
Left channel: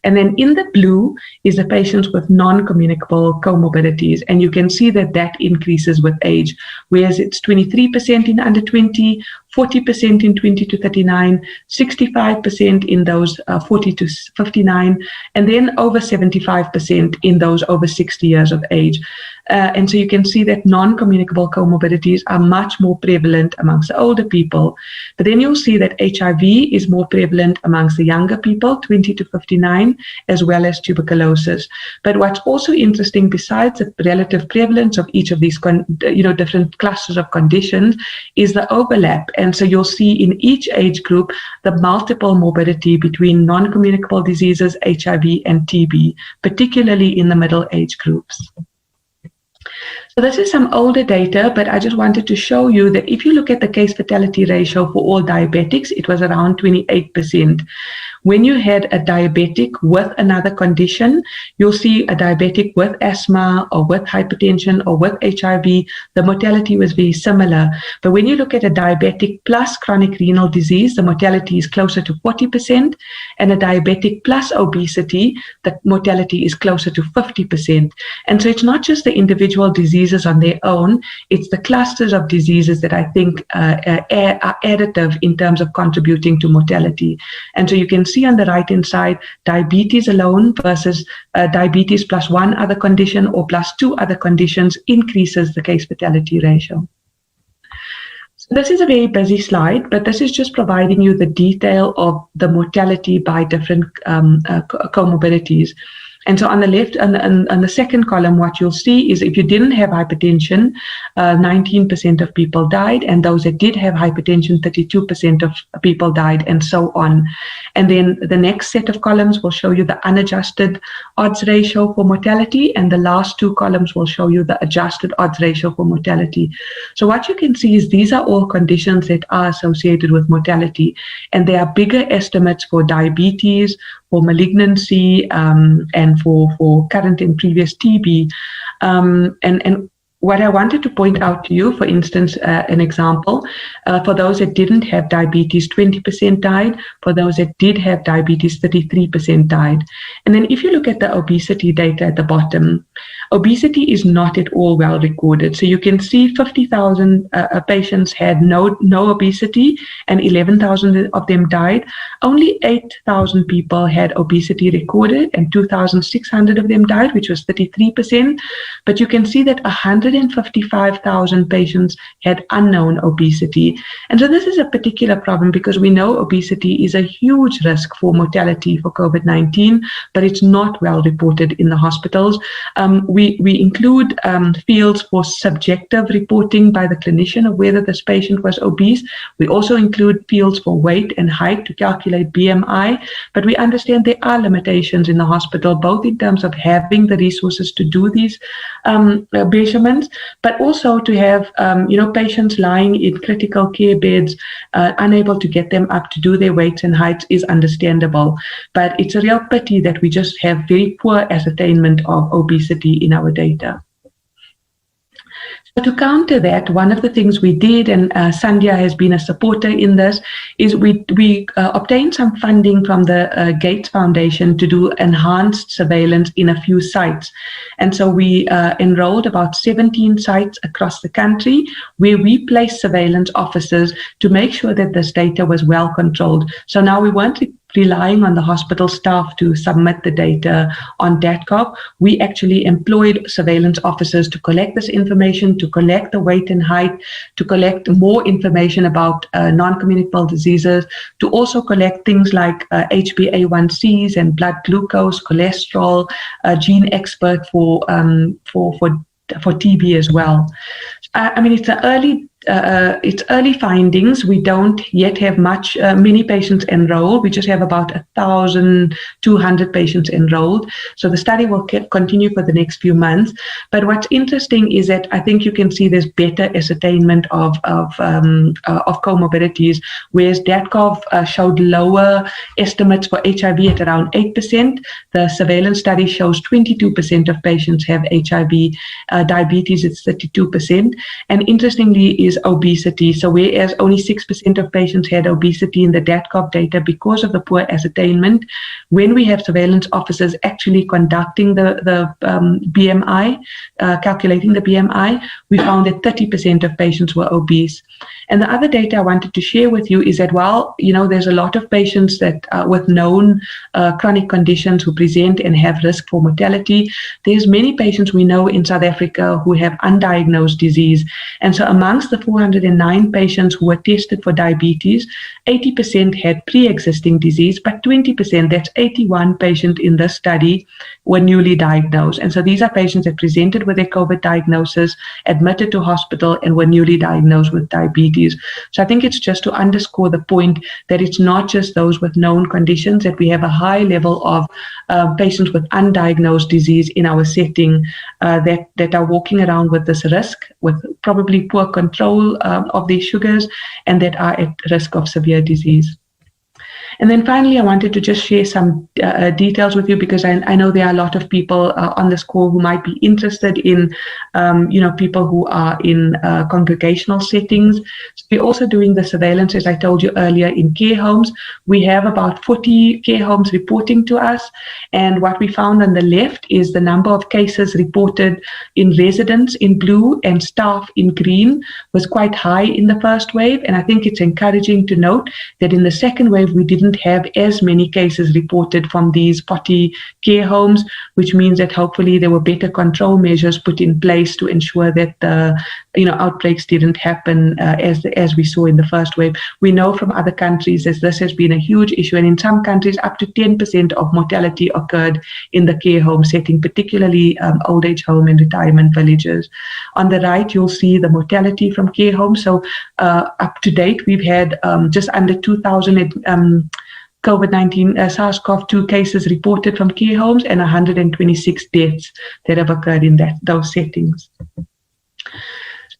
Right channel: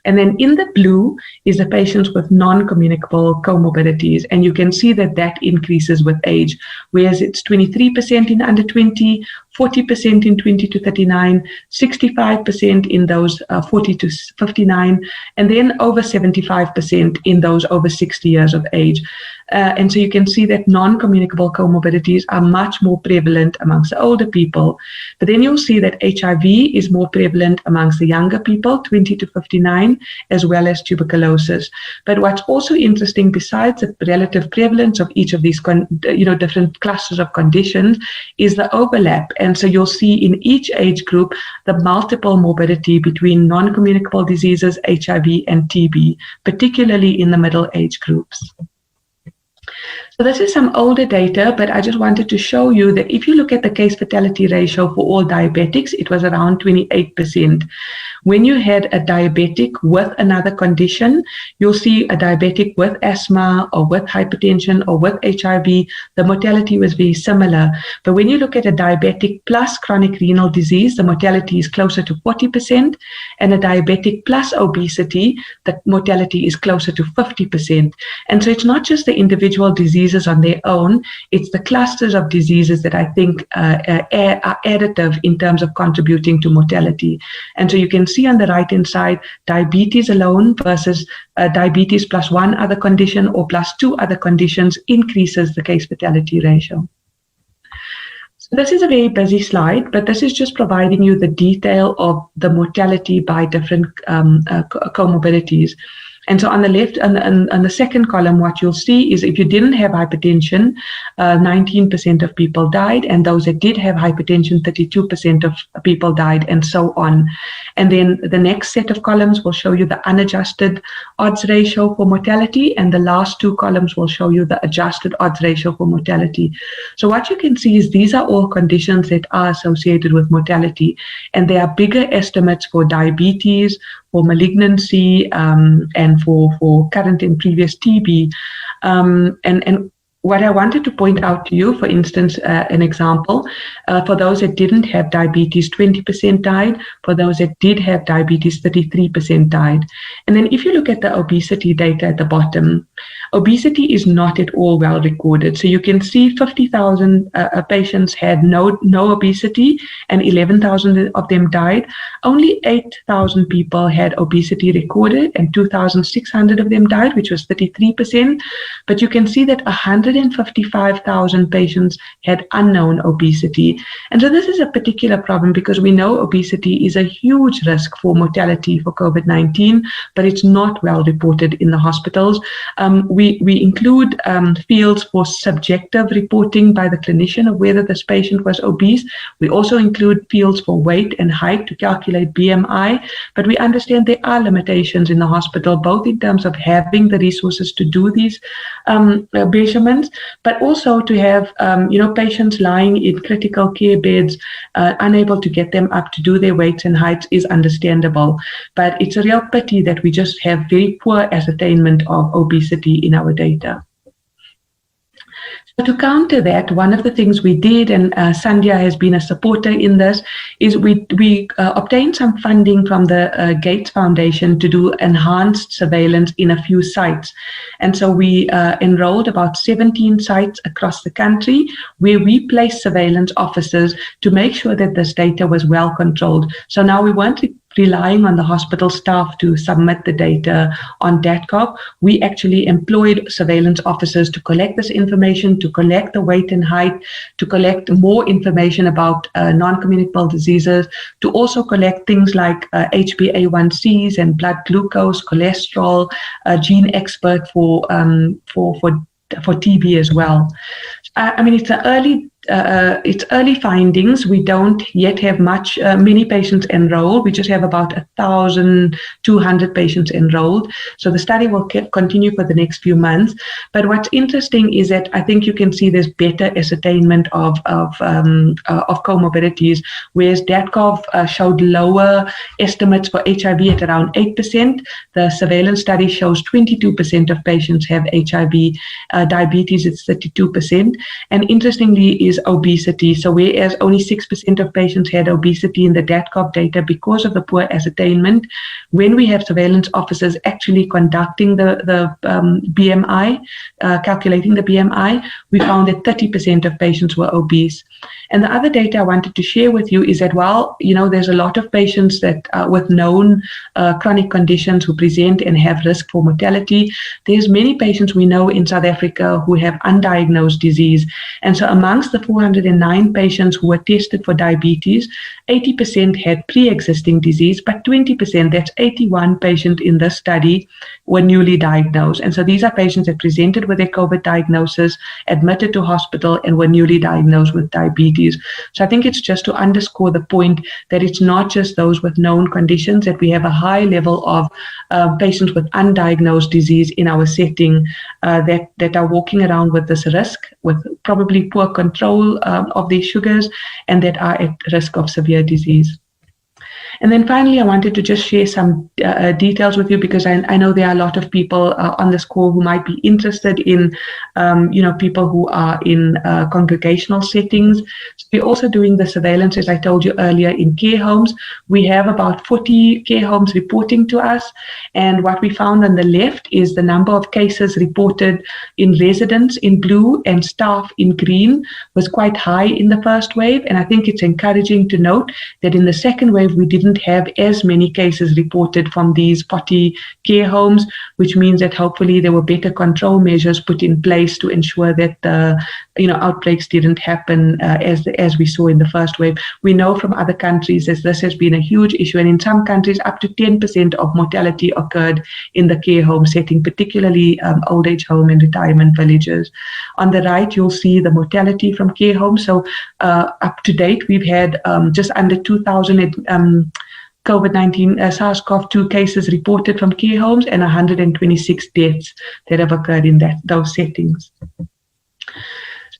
And then in the blue is the patients with non-communicable comorbidities. And you can see that that increases with age, whereas it's 23% in under 20, 40% in 20 to 39, 65% in those 40 to 59, and then over 75% in those over 60 years of age. And so you can see that non-communicable comorbidities are much more prevalent amongst the older people. But then you'll see that HIV is more prevalent amongst the younger people, 20 to 59, as well as tuberculosis. But what's also interesting, besides the relative prevalence of each of these different clusters of conditions, is the overlap. And so you'll see in each age group the multiple morbidity between non-communicable diseases, HIV, and TB, particularly in the middle age groups. So this is some older data, but I just wanted to show you that if you look at the case fatality ratio for all diabetics, it was around 28%. When you had a diabetic with another condition, you'll see a diabetic with asthma or with hypertension or with HIV, the mortality was very similar. But when you look at a diabetic plus chronic renal disease, the mortality is closer to 40%, and a diabetic plus obesity, the mortality is closer to 50%. And so it's not just the individual diseases on their own, it's the clusters of diseases that I think are additive in terms of contributing to mortality. And so you can see on the right-hand side, diabetes alone versus diabetes plus one other condition or plus two other conditions increases the case fatality ratio. So this is a very busy slide, but this is just providing you the detail of the mortality by different comorbidities. And so on the left, on the second column, what you'll see is if you didn't have hypertension, 19% of people died, and those that did have hypertension, 32% of people died, and so on. And then the next set of columns will show you the unadjusted odds ratio for mortality, and the last two columns will show you the adjusted odds ratio for mortality. So what you can see is these are all conditions that are associated with mortality, and there are bigger estimates for diabetes, for malignancy, and for current and previous TB. And what I wanted to point out to you, for instance, an example, for those that didn't have diabetes, 20% died. For those that did have diabetes, 33% died. And then if you look at the obesity data at the bottom, obesity is not at all well recorded. So you can see 50,000 patients had no obesity and 11,000 of them died. Only 8,000 people had obesity recorded and 2,600 of them died, which was 33%. But you can see that 155,000 patients had unknown obesity. And so this is a particular problem because we know obesity is a huge risk for mortality for COVID-19, but it's not well reported in the hospitals. We include fields for subjective reporting by the clinician of whether this patient was obese. We also include fields for weight and height to calculate BMI, but we understand there are limitations in the hospital, both in terms of having the resources to do these measurements, but also to have patients lying in critical care beds, unable to get them up to do their weights and heights is understandable. But it's a real pity that we just have very poor ascertainment of obesity in our data. So to counter that, one of the things we did, and SANCDA has been a supporter in this, is we obtained some funding from the Gates Foundation to do enhanced surveillance in a few sites. And so we enrolled about 17 sites across the country where we placed surveillance officers to make sure that this data was well controlled. So now we weren't relying on the hospital staff to submit the data on DATCOG. We actually employed surveillance officers to collect this information, to collect the weight and height, to collect more information about non-communicable diseases, to also collect things like HbA1cs and blood glucose, cholesterol, gene expert for TB as well. I mean, it's early findings. We don't yet have many patients enrolled. We just have about 1,200 patients enrolled. So the study will continue for the next few months. But what's interesting is that I think you can see there's better ascertainment of comorbidities, whereas DATCOG showed lower estimates for HIV at around 8%. The surveillance study shows 22% of patients have HIV. Diabetes, it's 32%. And interestingly is obesity. So whereas only 6% of patients had obesity in the DATCOG data because of the poor ascertainment, when we have surveillance officers actually conducting the BMI, calculating the BMI, we found that 30% of patients were obese. And the other data I wanted to share with you is that while, there's a lot of patients that with known chronic conditions who present and have risk for mortality, there's many patients we know in South Africa who have undiagnosed disease. And so amongst the 409 patients who were tested for diabetes, 80% had pre-existing disease, but 20%, that's 81 patients in this study, were newly diagnosed. And so these are patients that presented with their COVID diagnosis, admitted to hospital, and were newly diagnosed with diabetes. So I think it's just to underscore the point that it's not just those with known conditions, that we have a high level of patients with undiagnosed disease in our setting that are walking around with this risk, with probably poor control of their sugars, and that are at risk of severe disease. And then finally, I wanted to just share some details with you, because I know there are a lot of people on this call who might be interested in, people who are in congregational settings. So we're also doing the surveillance, as I told you earlier, in care homes. We have about 40 care homes reporting to us. And what we found on the left is the number of cases reported in residents in blue and staff in green was quite high in the first wave. And I think it's encouraging to note that in the second wave, we didn't have as many cases reported from these 40 care homes, which means that hopefully there were better control measures put in place to ensure that the outbreaks didn't happen as we saw in the first wave. We know from other countries that this has been a huge issue, and in some countries up to 10% of mortality occurred in the care home setting, particularly old age home and retirement villages. On the right, you'll see the mortality from care homes. So up to date, we've had just under 2,000 COVID-19 SARS-CoV-2 cases reported from care homes and 126 deaths that have occurred in those settings.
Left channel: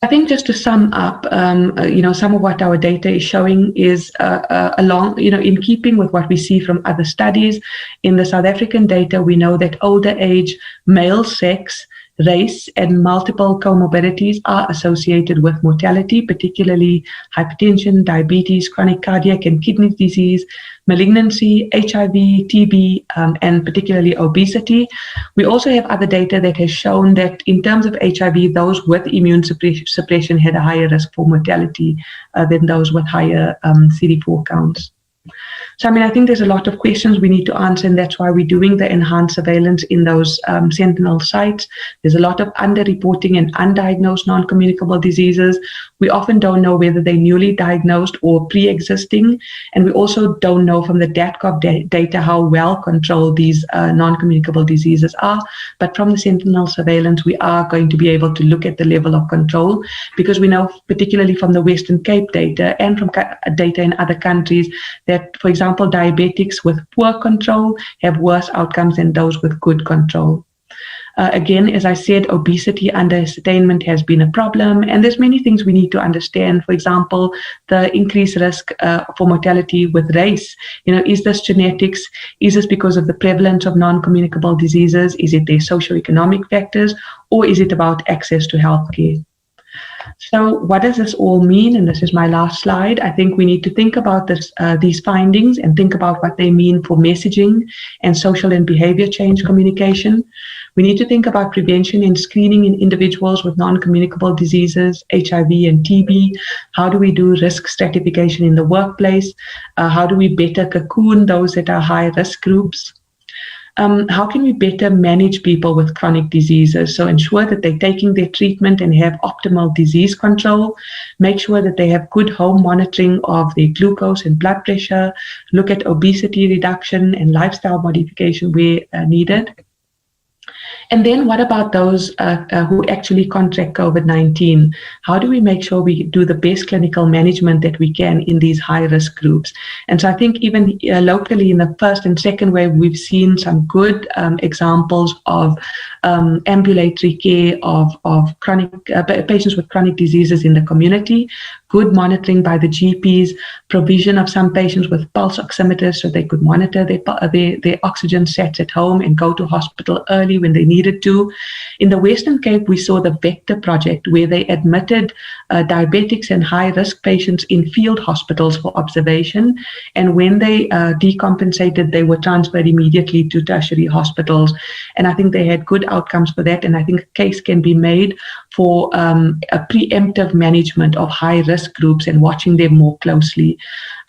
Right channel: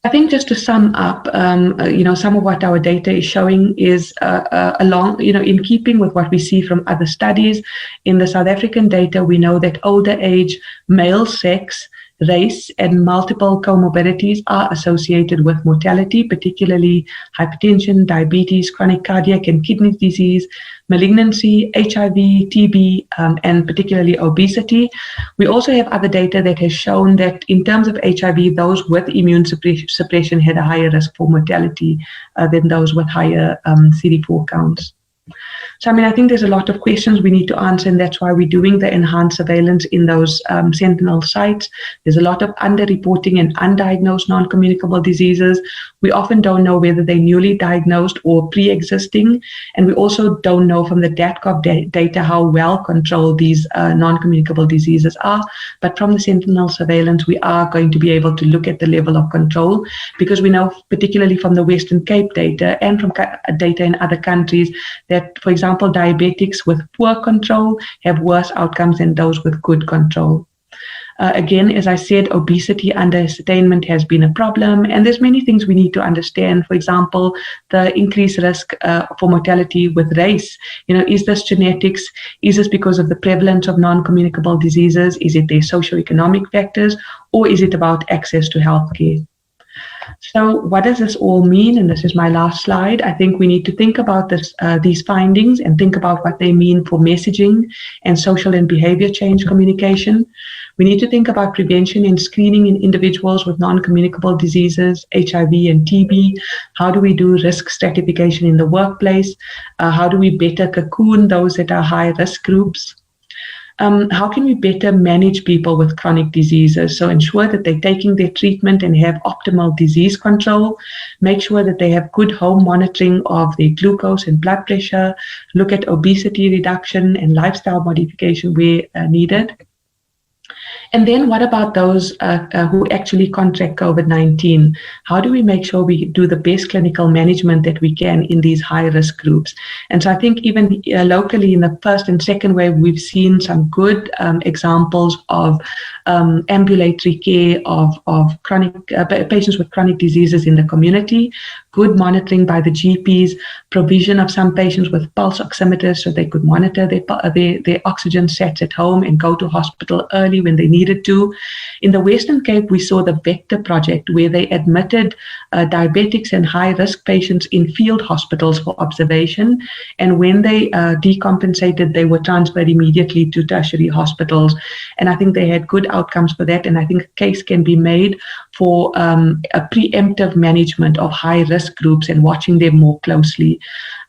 I think just to sum up, some of what our data is showing is in keeping with what we see from other studies. In the South African data, we know that older age, male sex, race, and multiple comorbidities are associated with mortality, particularly hypertension, diabetes, chronic cardiac and kidney disease, malignancy, HIV, TB, and particularly obesity. We also have other data that has shown that in terms of HIV, those with immune suppression had a higher risk for mortality than those with higher CD4 counts. So, I think there's a lot of questions we need to answer, and that's why we're doing the enhanced surveillance in those sentinel sites. There's a lot of underreporting and undiagnosed non-communicable diseases. We often don't know whether they're newly diagnosed or pre-existing, and we also don't know from the DATCOG data how well controlled these non-communicable diseases are. But from the sentinel surveillance, we are going to be able to look at the level of control, because we know, particularly from the Western Cape data and from data in other countries, that, for example, diabetics with poor control have worse outcomes than those with good control. Again, as I said, obesity underattainment has been a problem, and there's many things we need to understand. For example, the increased risk for mortality with race. Is this genetics? Is this because of the prevalence of non-communicable diseases? Is it their socioeconomic factors, or is it about access to healthcare? So what does this all mean? And this is my last slide. I think we need to think about these findings and think about what they mean for messaging and social and behavior change communication. We need to think about prevention and screening in individuals with non-communicable diseases, HIV and TB. How do we do risk stratification in the workplace? How do we better cocoon those that are high-risk groups? How can we better manage people with chronic diseases? So ensure that they're taking their treatment and have optimal disease control. Make sure that they have good home monitoring of their glucose and blood pressure. Look at obesity reduction and lifestyle modification where needed. And then what about those who actually contract COVID-19? How do we make sure we do the best clinical management that we can in these high-risk groups? And so I think even locally in the first and second wave, we've seen some good examples of ambulatory care of chronic patients with chronic diseases in the community, good monitoring by the GPs, provision of some patients with pulse oximeters so they could monitor their oxygen sats at home and go to hospital early when they needed to. In the Western Cape, we saw the Vector project where they admitted diabetics and high-risk patients in field hospitals for observation. And when they decompensated, they were transferred immediately to tertiary hospitals. And I think they had good outcomes for that. And I think a case can be made for a preemptive management of high-risk groups and watching them more closely.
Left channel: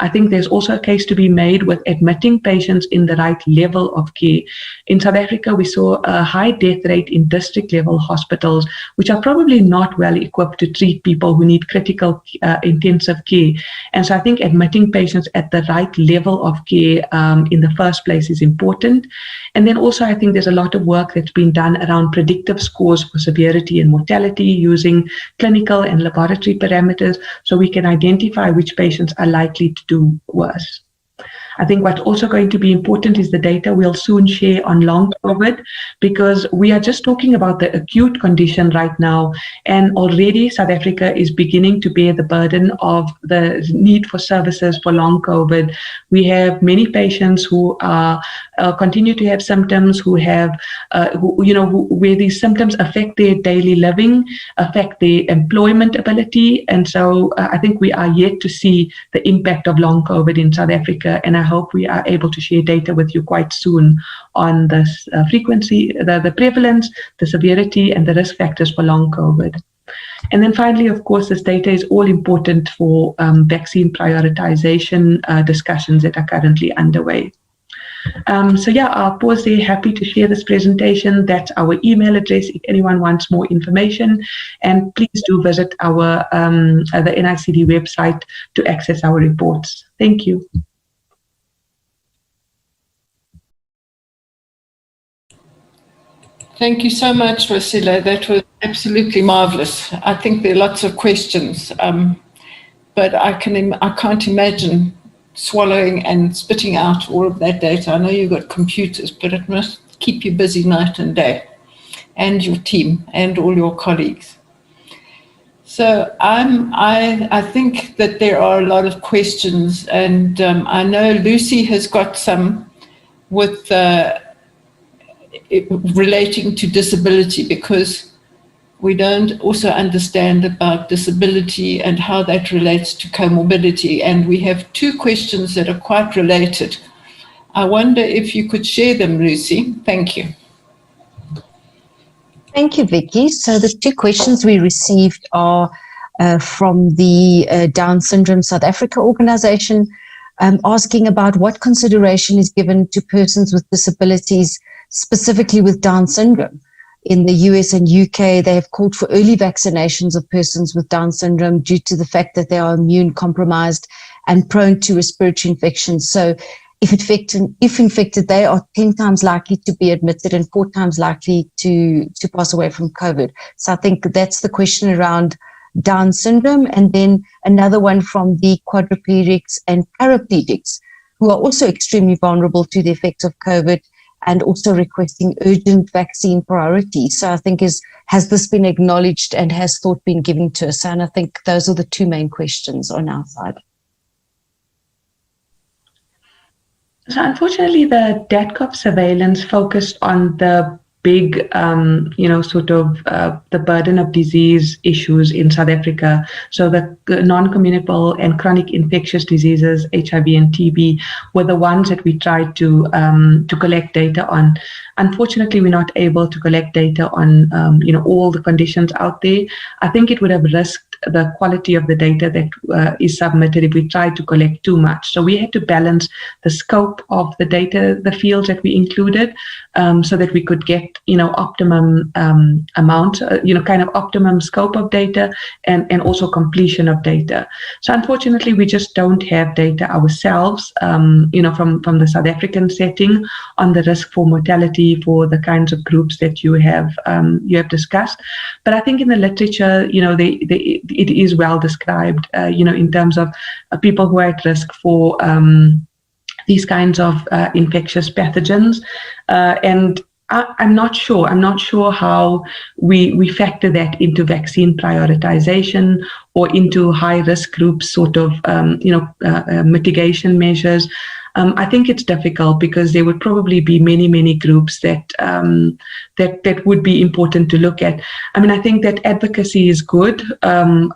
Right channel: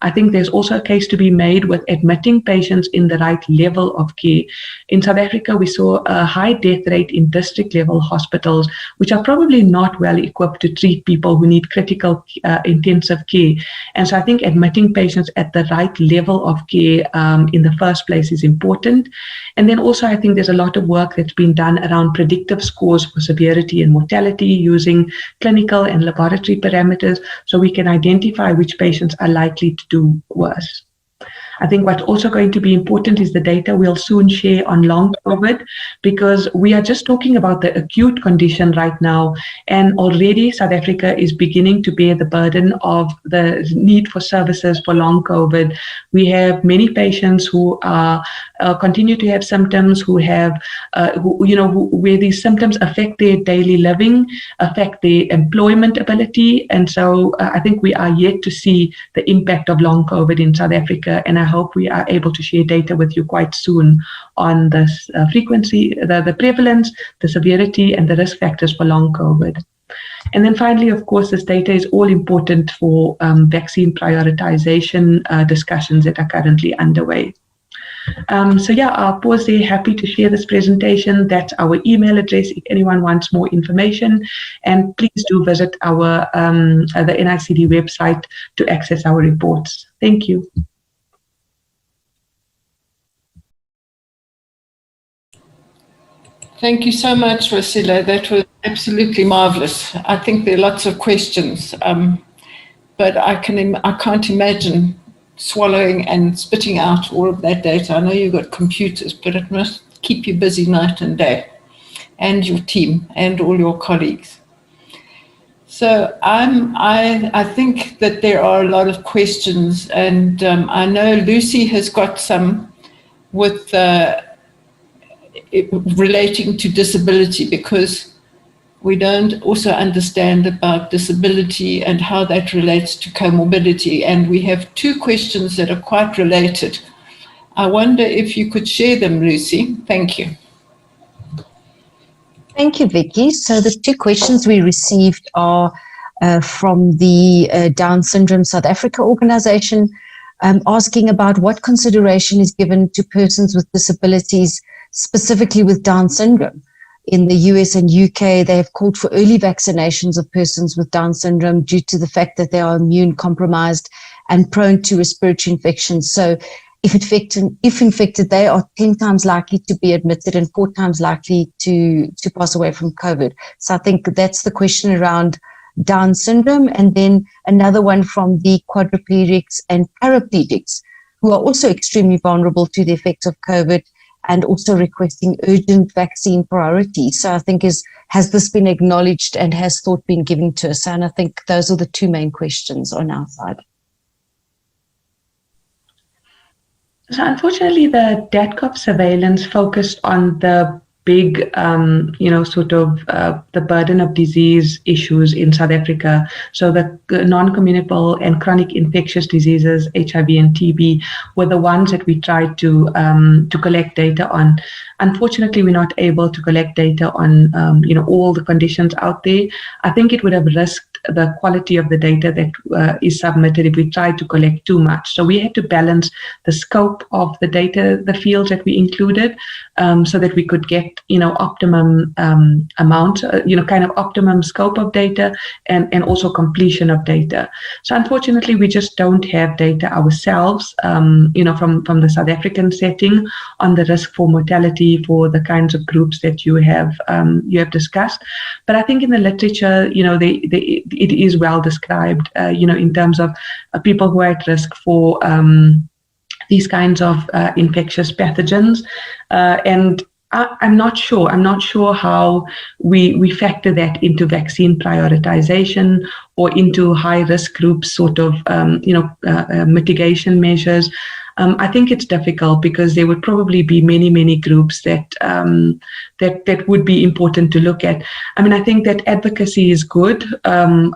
I think there's also a case to be made with admitting patients in the right level of care. In South Africa, we saw a high death rate in district-level hospitals, which are probably not well equipped to treat people who need critical intensive care. And so I think admitting patients at the right level of care in the first place is important. And then also I think there's a lot of work that's been done around predictive scores for severity and mortality using clinical and laboratory parameters so we can identify which patients are likely to do worse. I think what's also going to be important is the data we'll soon share on long COVID, because we are just talking about the acute condition right now, and already South Africa is beginning to bear the burden of the need for services for long COVID. We have many patients who are continue to have symptoms, who have where these symptoms affect their daily living, affect their employment ability, and so I think we are yet to see the impact of long COVID in South Africa, and I hope we are able to share data with you quite soon on this frequency, the prevalence, the severity, and the risk factors for long COVID. And then finally, of course, this data is all important for vaccine prioritization discussions that are currently underway. So yeah, I'll pause there. Happy to share this presentation. That's our email address if anyone wants more information. And please do visit our the NICD website to access our reports. Thank you. Thank you so much, Waasila. That was absolutely marvelous. I think there are lots of questions, but I can't imagine swallowing and spitting out all of that data. I know you've got computers, but it must keep you busy night and day, and your team and all your colleagues. So I think that there are a lot of questions, and I know Lucy has got some with relating to disability, because we don't also understand about disability and how that relates to comorbidity. And we have two questions that are quite related. I wonder if you could share them, Lucy. Thank you. Thank you, Vicky. So the two questions we received are from the Down Syndrome South Africa organization, asking about what consideration is given to persons with disabilities, specifically with Down syndrome. In the US and UK, they have called for early vaccinations of persons with Down syndrome due to the fact that they are immune compromised and prone to respiratory infections. So if infected, they are 10 times likely to be admitted and 4 times likely to pass away from COVID. So I think that's the question around Down syndrome. And then another one from the quadriplegics and paraplegics, who are also extremely vulnerable to the effects of COVID, and also requesting urgent vaccine priority. So I think has this been acknowledged and has thought been given to us? And I think those are the two main questions on our side. So unfortunately, the DATCOV surveillance focused on the big, sort of the burden of disease issues in South Africa. So the non-communicable and chronic infectious diseases, HIV and TB, were the ones that we tried to collect data on. Unfortunately, we're not able to collect data on all the conditions out there. I think it would have risked the quality of the data that is submitted if we tried to collect too much. So we had to balance the scope of the data, the fields that we included, so that we could get optimum amount, kind of optimum scope of data, and also completion of data. So unfortunately, we just don't have data ourselves, from the South African setting on the risk for mortality for the kinds of groups that you have discussed. But I think in the literature, it is well described, in terms of people who are at risk for these kinds of infectious pathogens, and I'm not sure how we factor that into vaccine prioritization or into high risk groups sort of mitigation measures. I think it's difficult because there would probably be many groups that would be important to look at. I mean, I think that advocacy is good,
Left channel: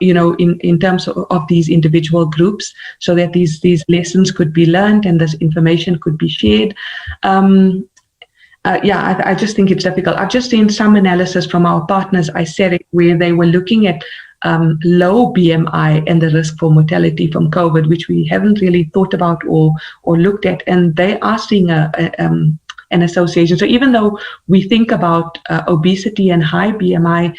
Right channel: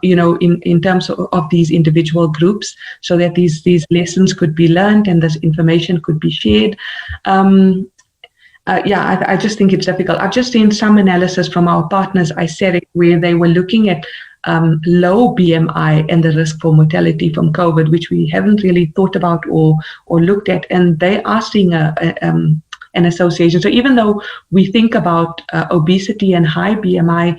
in terms of these individual groups, so that these lessons could be learned and this information could be shared. I just think it's difficult. I've just seen some analysis from our partners, ICERIC, where they were looking at low BMI and the risk for mortality from COVID, which we haven't really thought about or looked at, and they are seeing an association. So even though we think about obesity and high BMI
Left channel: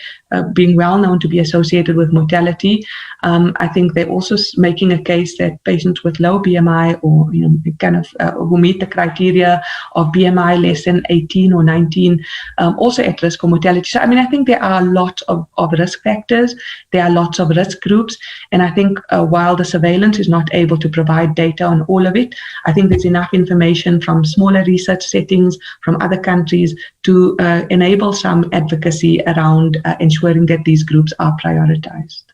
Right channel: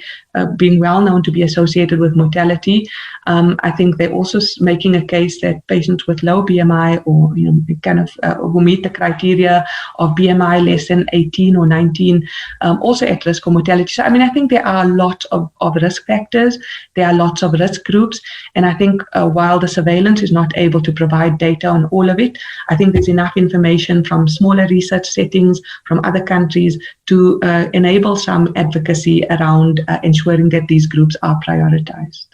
being well known to be associated with mortality, I think they're also making a case that patients with low BMI or who meet the criteria of BMI less than 18 or 19 also at risk for mortality. So I mean, I think there are lots of risk factors. There are lots of risk groups, and I think while the surveillance is not able to provide data on all of it, I think there's enough information from smaller research settings from other countries to enable some advocacy around ensuring that these groups are prioritized.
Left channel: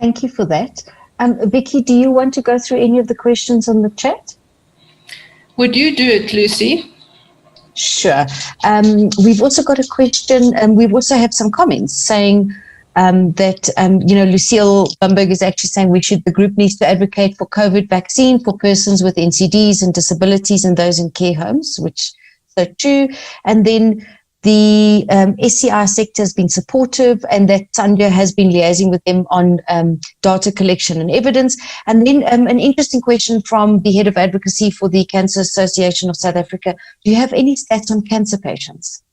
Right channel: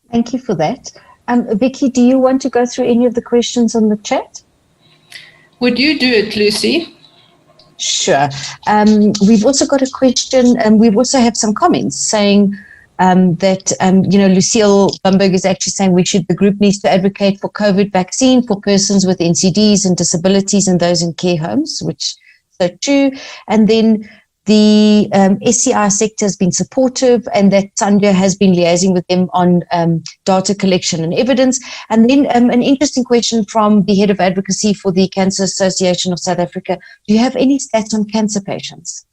Thank you for that. Vicky, do you want to go through any of the questions on the chat? Would you do it, Lucy? Sure. We've also got a question, and we also have some comments saying that, Lucille Bamberg is actually saying the group needs to advocate for COVID vaccine for persons with NCDs and disabilities and those in care homes, which is so true. And then the SCI sector has been supportive, and that SANCDA has been liaising with them on data collection and evidence. And then an interesting question from the head of advocacy for the Cancer Association of South Africa. Do you have any stats on cancer patients?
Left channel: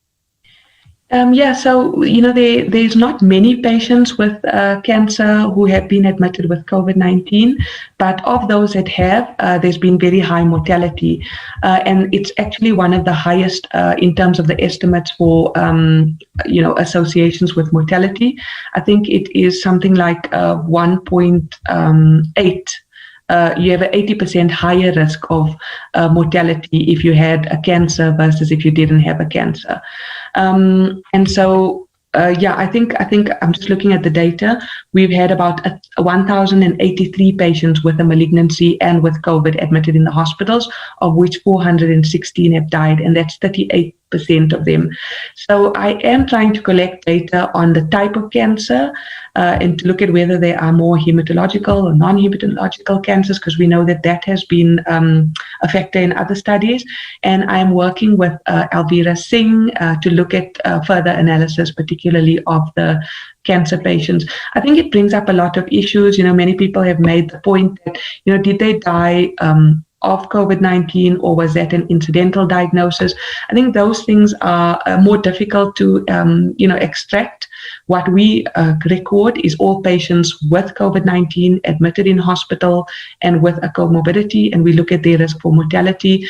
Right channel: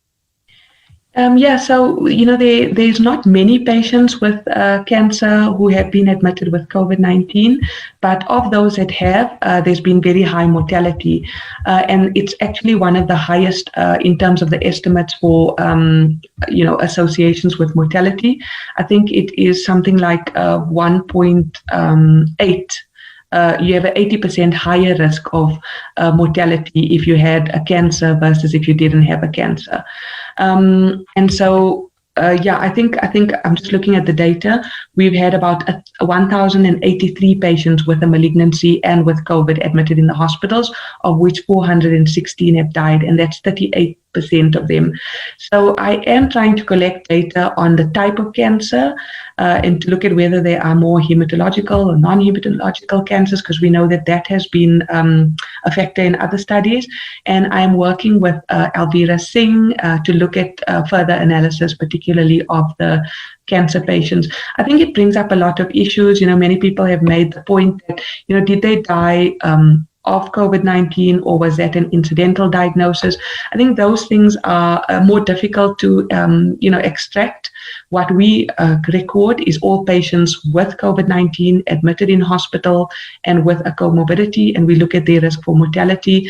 So, there's not many patients with cancer who have been admitted with COVID-19, but of those that have, there's been very high mortality. And it's actually one of the highest in terms of the estimates for, associations with mortality. I think it is something like 1.8. You have an 80% higher risk of mortality if you had a cancer versus if you didn't have a cancer. I think I'm just looking at the data. We've had about 1,083 patients with a malignancy and with COVID admitted in the hospitals, of which 416 have died, and that's 38% of them. So I am trying to collect data on the type of cancer and to look at whether there are more hematological or non-hematological cancers, because we know that has been a factor in other studies. And I'm working with Alvira Singh to look at further analysis, particularly of the cancer patients. I think it brings up a lot of issues. Many people have made the point that, did they die of COVID-19 or was that an incidental diagnosis? I think those things are more difficult to, extract. What we record is all patients with COVID-19 admitted in hospital and with a comorbidity, and we look at their risk for mortality.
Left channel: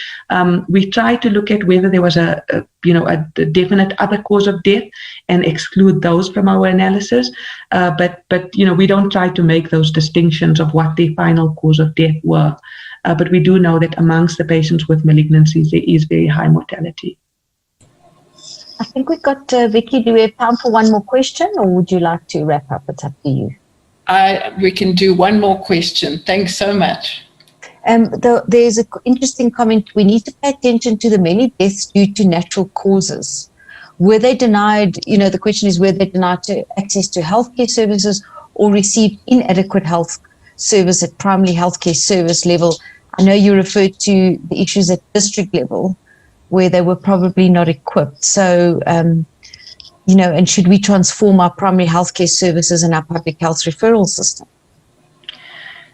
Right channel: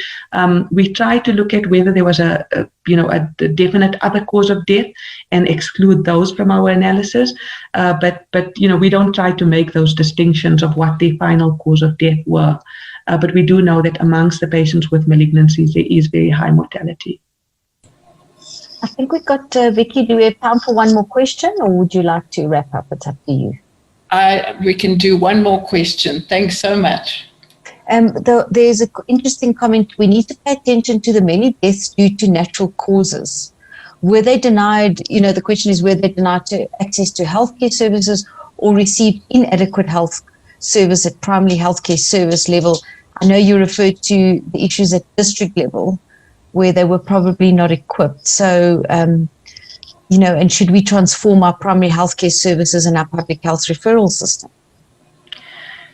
We try to look at whether there was a definite other cause of death and exclude those from our analysis. But we don't try to make those distinctions of what the final cause of death were. But we do know that amongst the patients with malignancies, there is very high mortality. I think we've got, Vicky, do we have time for one more question, or would you like to wrap up? It's up to you. We can do one more question. Thanks so much. There's an interesting comment. We need to pay attention to the many deaths due to natural causes. Were they denied, the question is, were they denied access to healthcare services or received inadequate health service at primary healthcare service level? I know you referred to the issues at district level where they were probably not equipped. So, and should we transform our primary healthcare services and our public health referral system?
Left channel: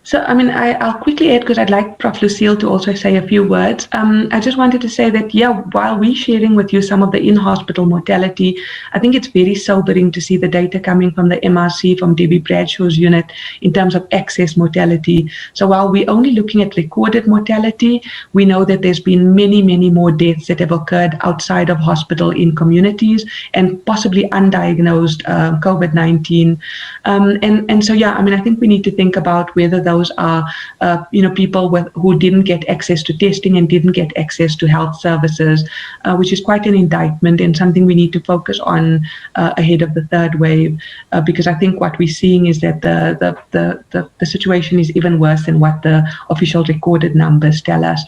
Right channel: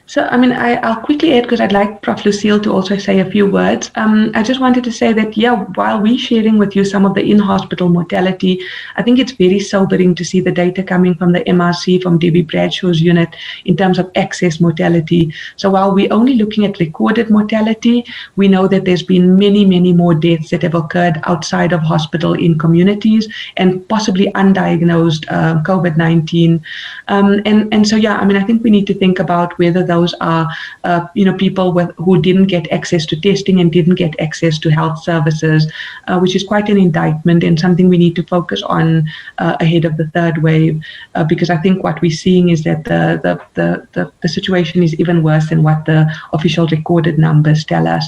So, I'll quickly add, because I'd like Prof. Lucille to also say a few words. I just wanted to say that, while we're sharing with you some of the in-hospital mortality, I think it's very sobering to see the data coming from the MRC, from Debbie Bradshaw's unit, in terms of excess mortality. So while we're only looking at recorded mortality, we know that there's been many, many more deaths that have occurred outside of hospital in communities and possibly undiagnosed COVID-19. I think we need to think about whether those are, people who didn't get access to testing and didn't get access to health services, which is quite an indictment and something we need to focus on ahead of the third wave, because I think what we're seeing is that the situation is even worse than what the official recorded numbers tell us.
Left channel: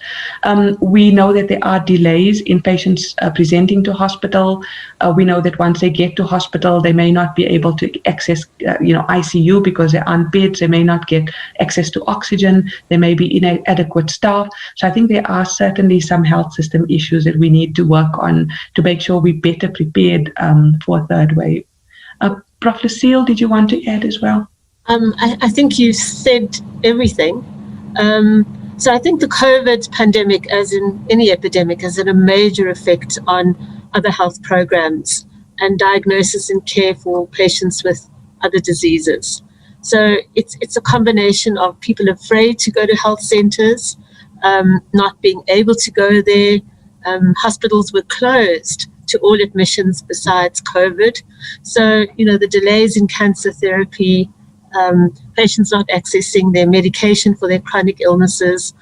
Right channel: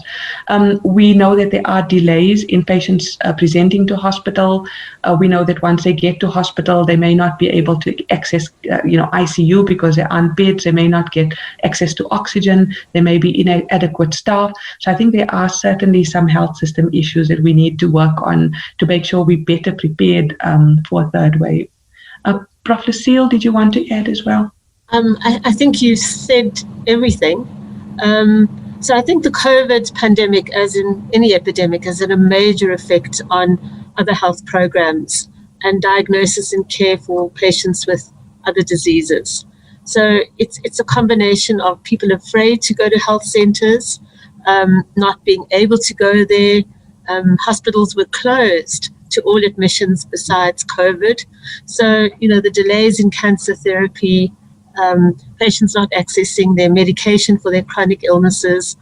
We know that there are delays in patients presenting to hospital. We know that once they get to hospital, they may not be able to access, ICU because there aren't beds. They may not get access to oxygen. There may be inadequate staff. So I think there are certainly some health system issues that we need to work on to make sure we're better prepared for a third wave. Prof. Lucille, did you want to add as well? I think you said everything. So I think the COVID pandemic, as in any epidemic, has had a major effect on other health programs and diagnosis and care for patients with other diseases. So it's a combination of people afraid to go to health centres, not being able to go there. Hospitals were closed to all admissions besides COVID. So, the delays in cancer therapy, patients not accessing their medication for their chronic illnesses,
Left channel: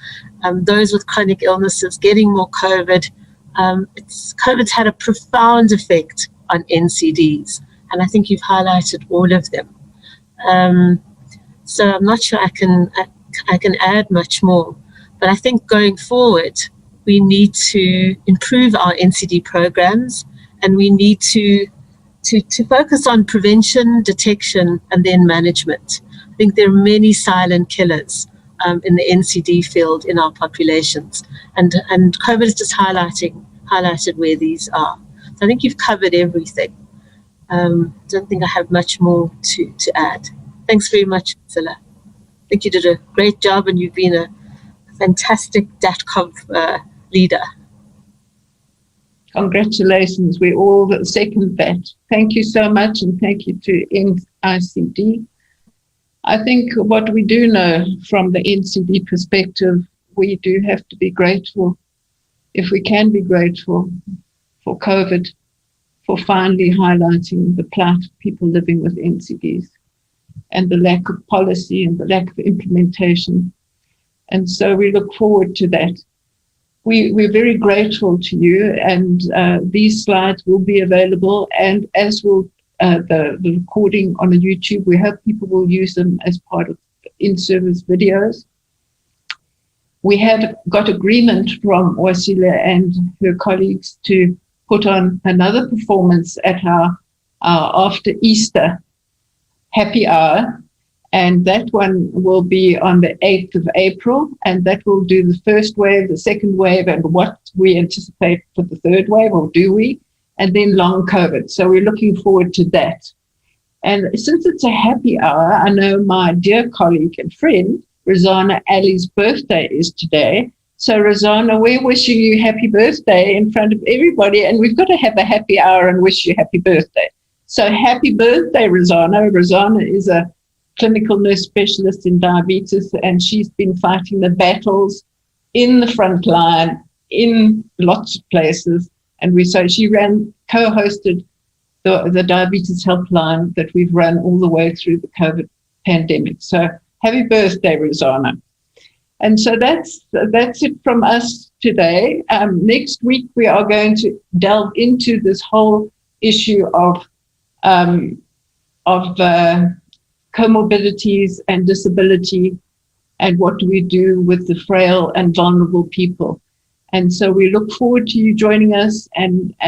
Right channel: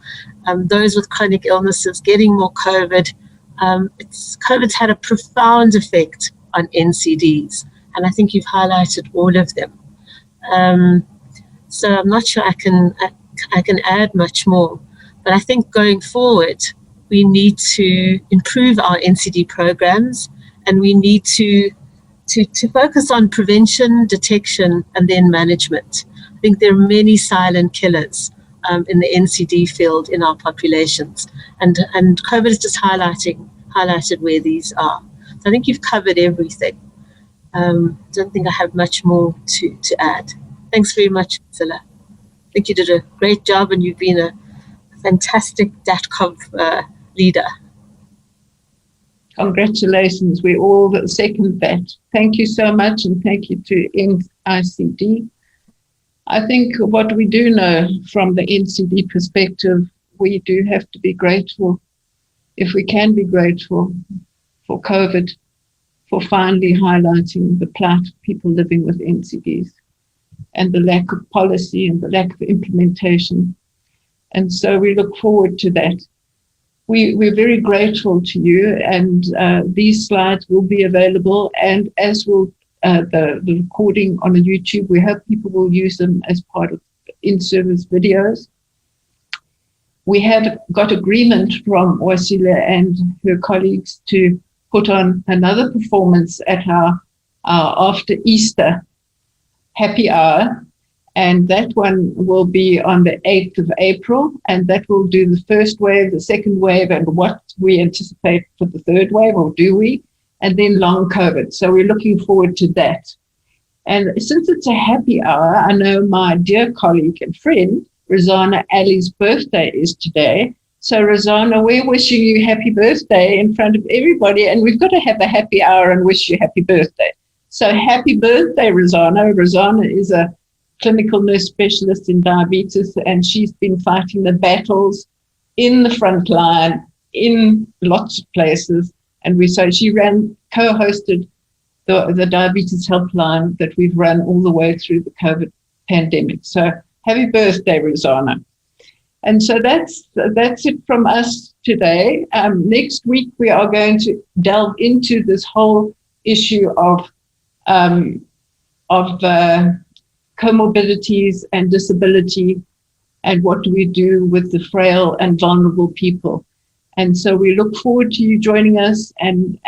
those with chronic illnesses getting more COVID. COVID's had a profound effect on NCDs, and I think you've highlighted all of them. So I'm not sure I can add much more, but I think going forward, we need to improve our NCD programs, and we need to focus on prevention, detection, and then management. I think there are many silent killers in the NCD field in our populations, and COVID is just highlighted where these are. So I think you've covered everything. Don't think I have much more to add. Thanks very much, Waasila. I think you did a great job, and you've been a fantastic DATCOV leader. Congratulations. We all second that. Thank you so much, and thank you to NCD. I think what we do know from the NCD perspective, we do have to be grateful, if we can be grateful, for COVID, for finally highlighting the plight of people living with NCDs and the lack of policy and the lack of implementation. And so we look forward to that. We're very grateful to you, and these slides will be available, and as will the recording on YouTube. We hope people will use them as part of in-service videos. We have got agreement from Waasila and her colleagues to put on another performance at our after Easter happy hour, and that one will be on the 8th of April, and that will do the first wave, the second wave, and what we anticipate for the third wave, or do we, and then long COVID. So we're looking forward to that. And since it's a happy hour, I know my dear colleague and friend, Rosanna Ali's birthday is today. So Rosanna, we're wishing you happy birthday in front of everybody, and we've got to have a happy hour and wish you happy birthday. So happy birthday, Rosanna. Rosanna is a clinical nurse specialist in diabetes, and she's been fighting the battles in the front line in lots of places. And she co-hosted the diabetes helpline that we've run all the way through the COVID pandemic. So happy birthday, Rosanna. And so that's it from us today. Next week, we are going to delve into this whole issue of comorbidities and disability and what do we do with the frail and vulnerable people. And so we look forward to you joining us and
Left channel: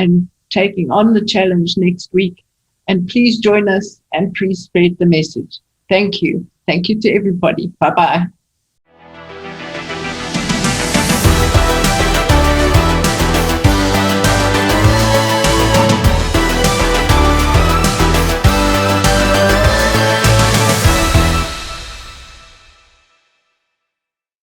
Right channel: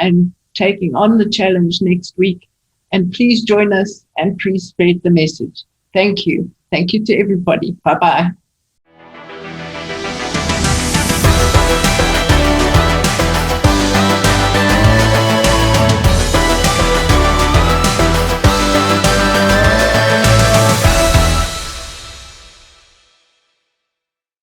taking on the challenge next week. And please join us and please spread the message. Thank you. Thank you to everybody. Bye-bye.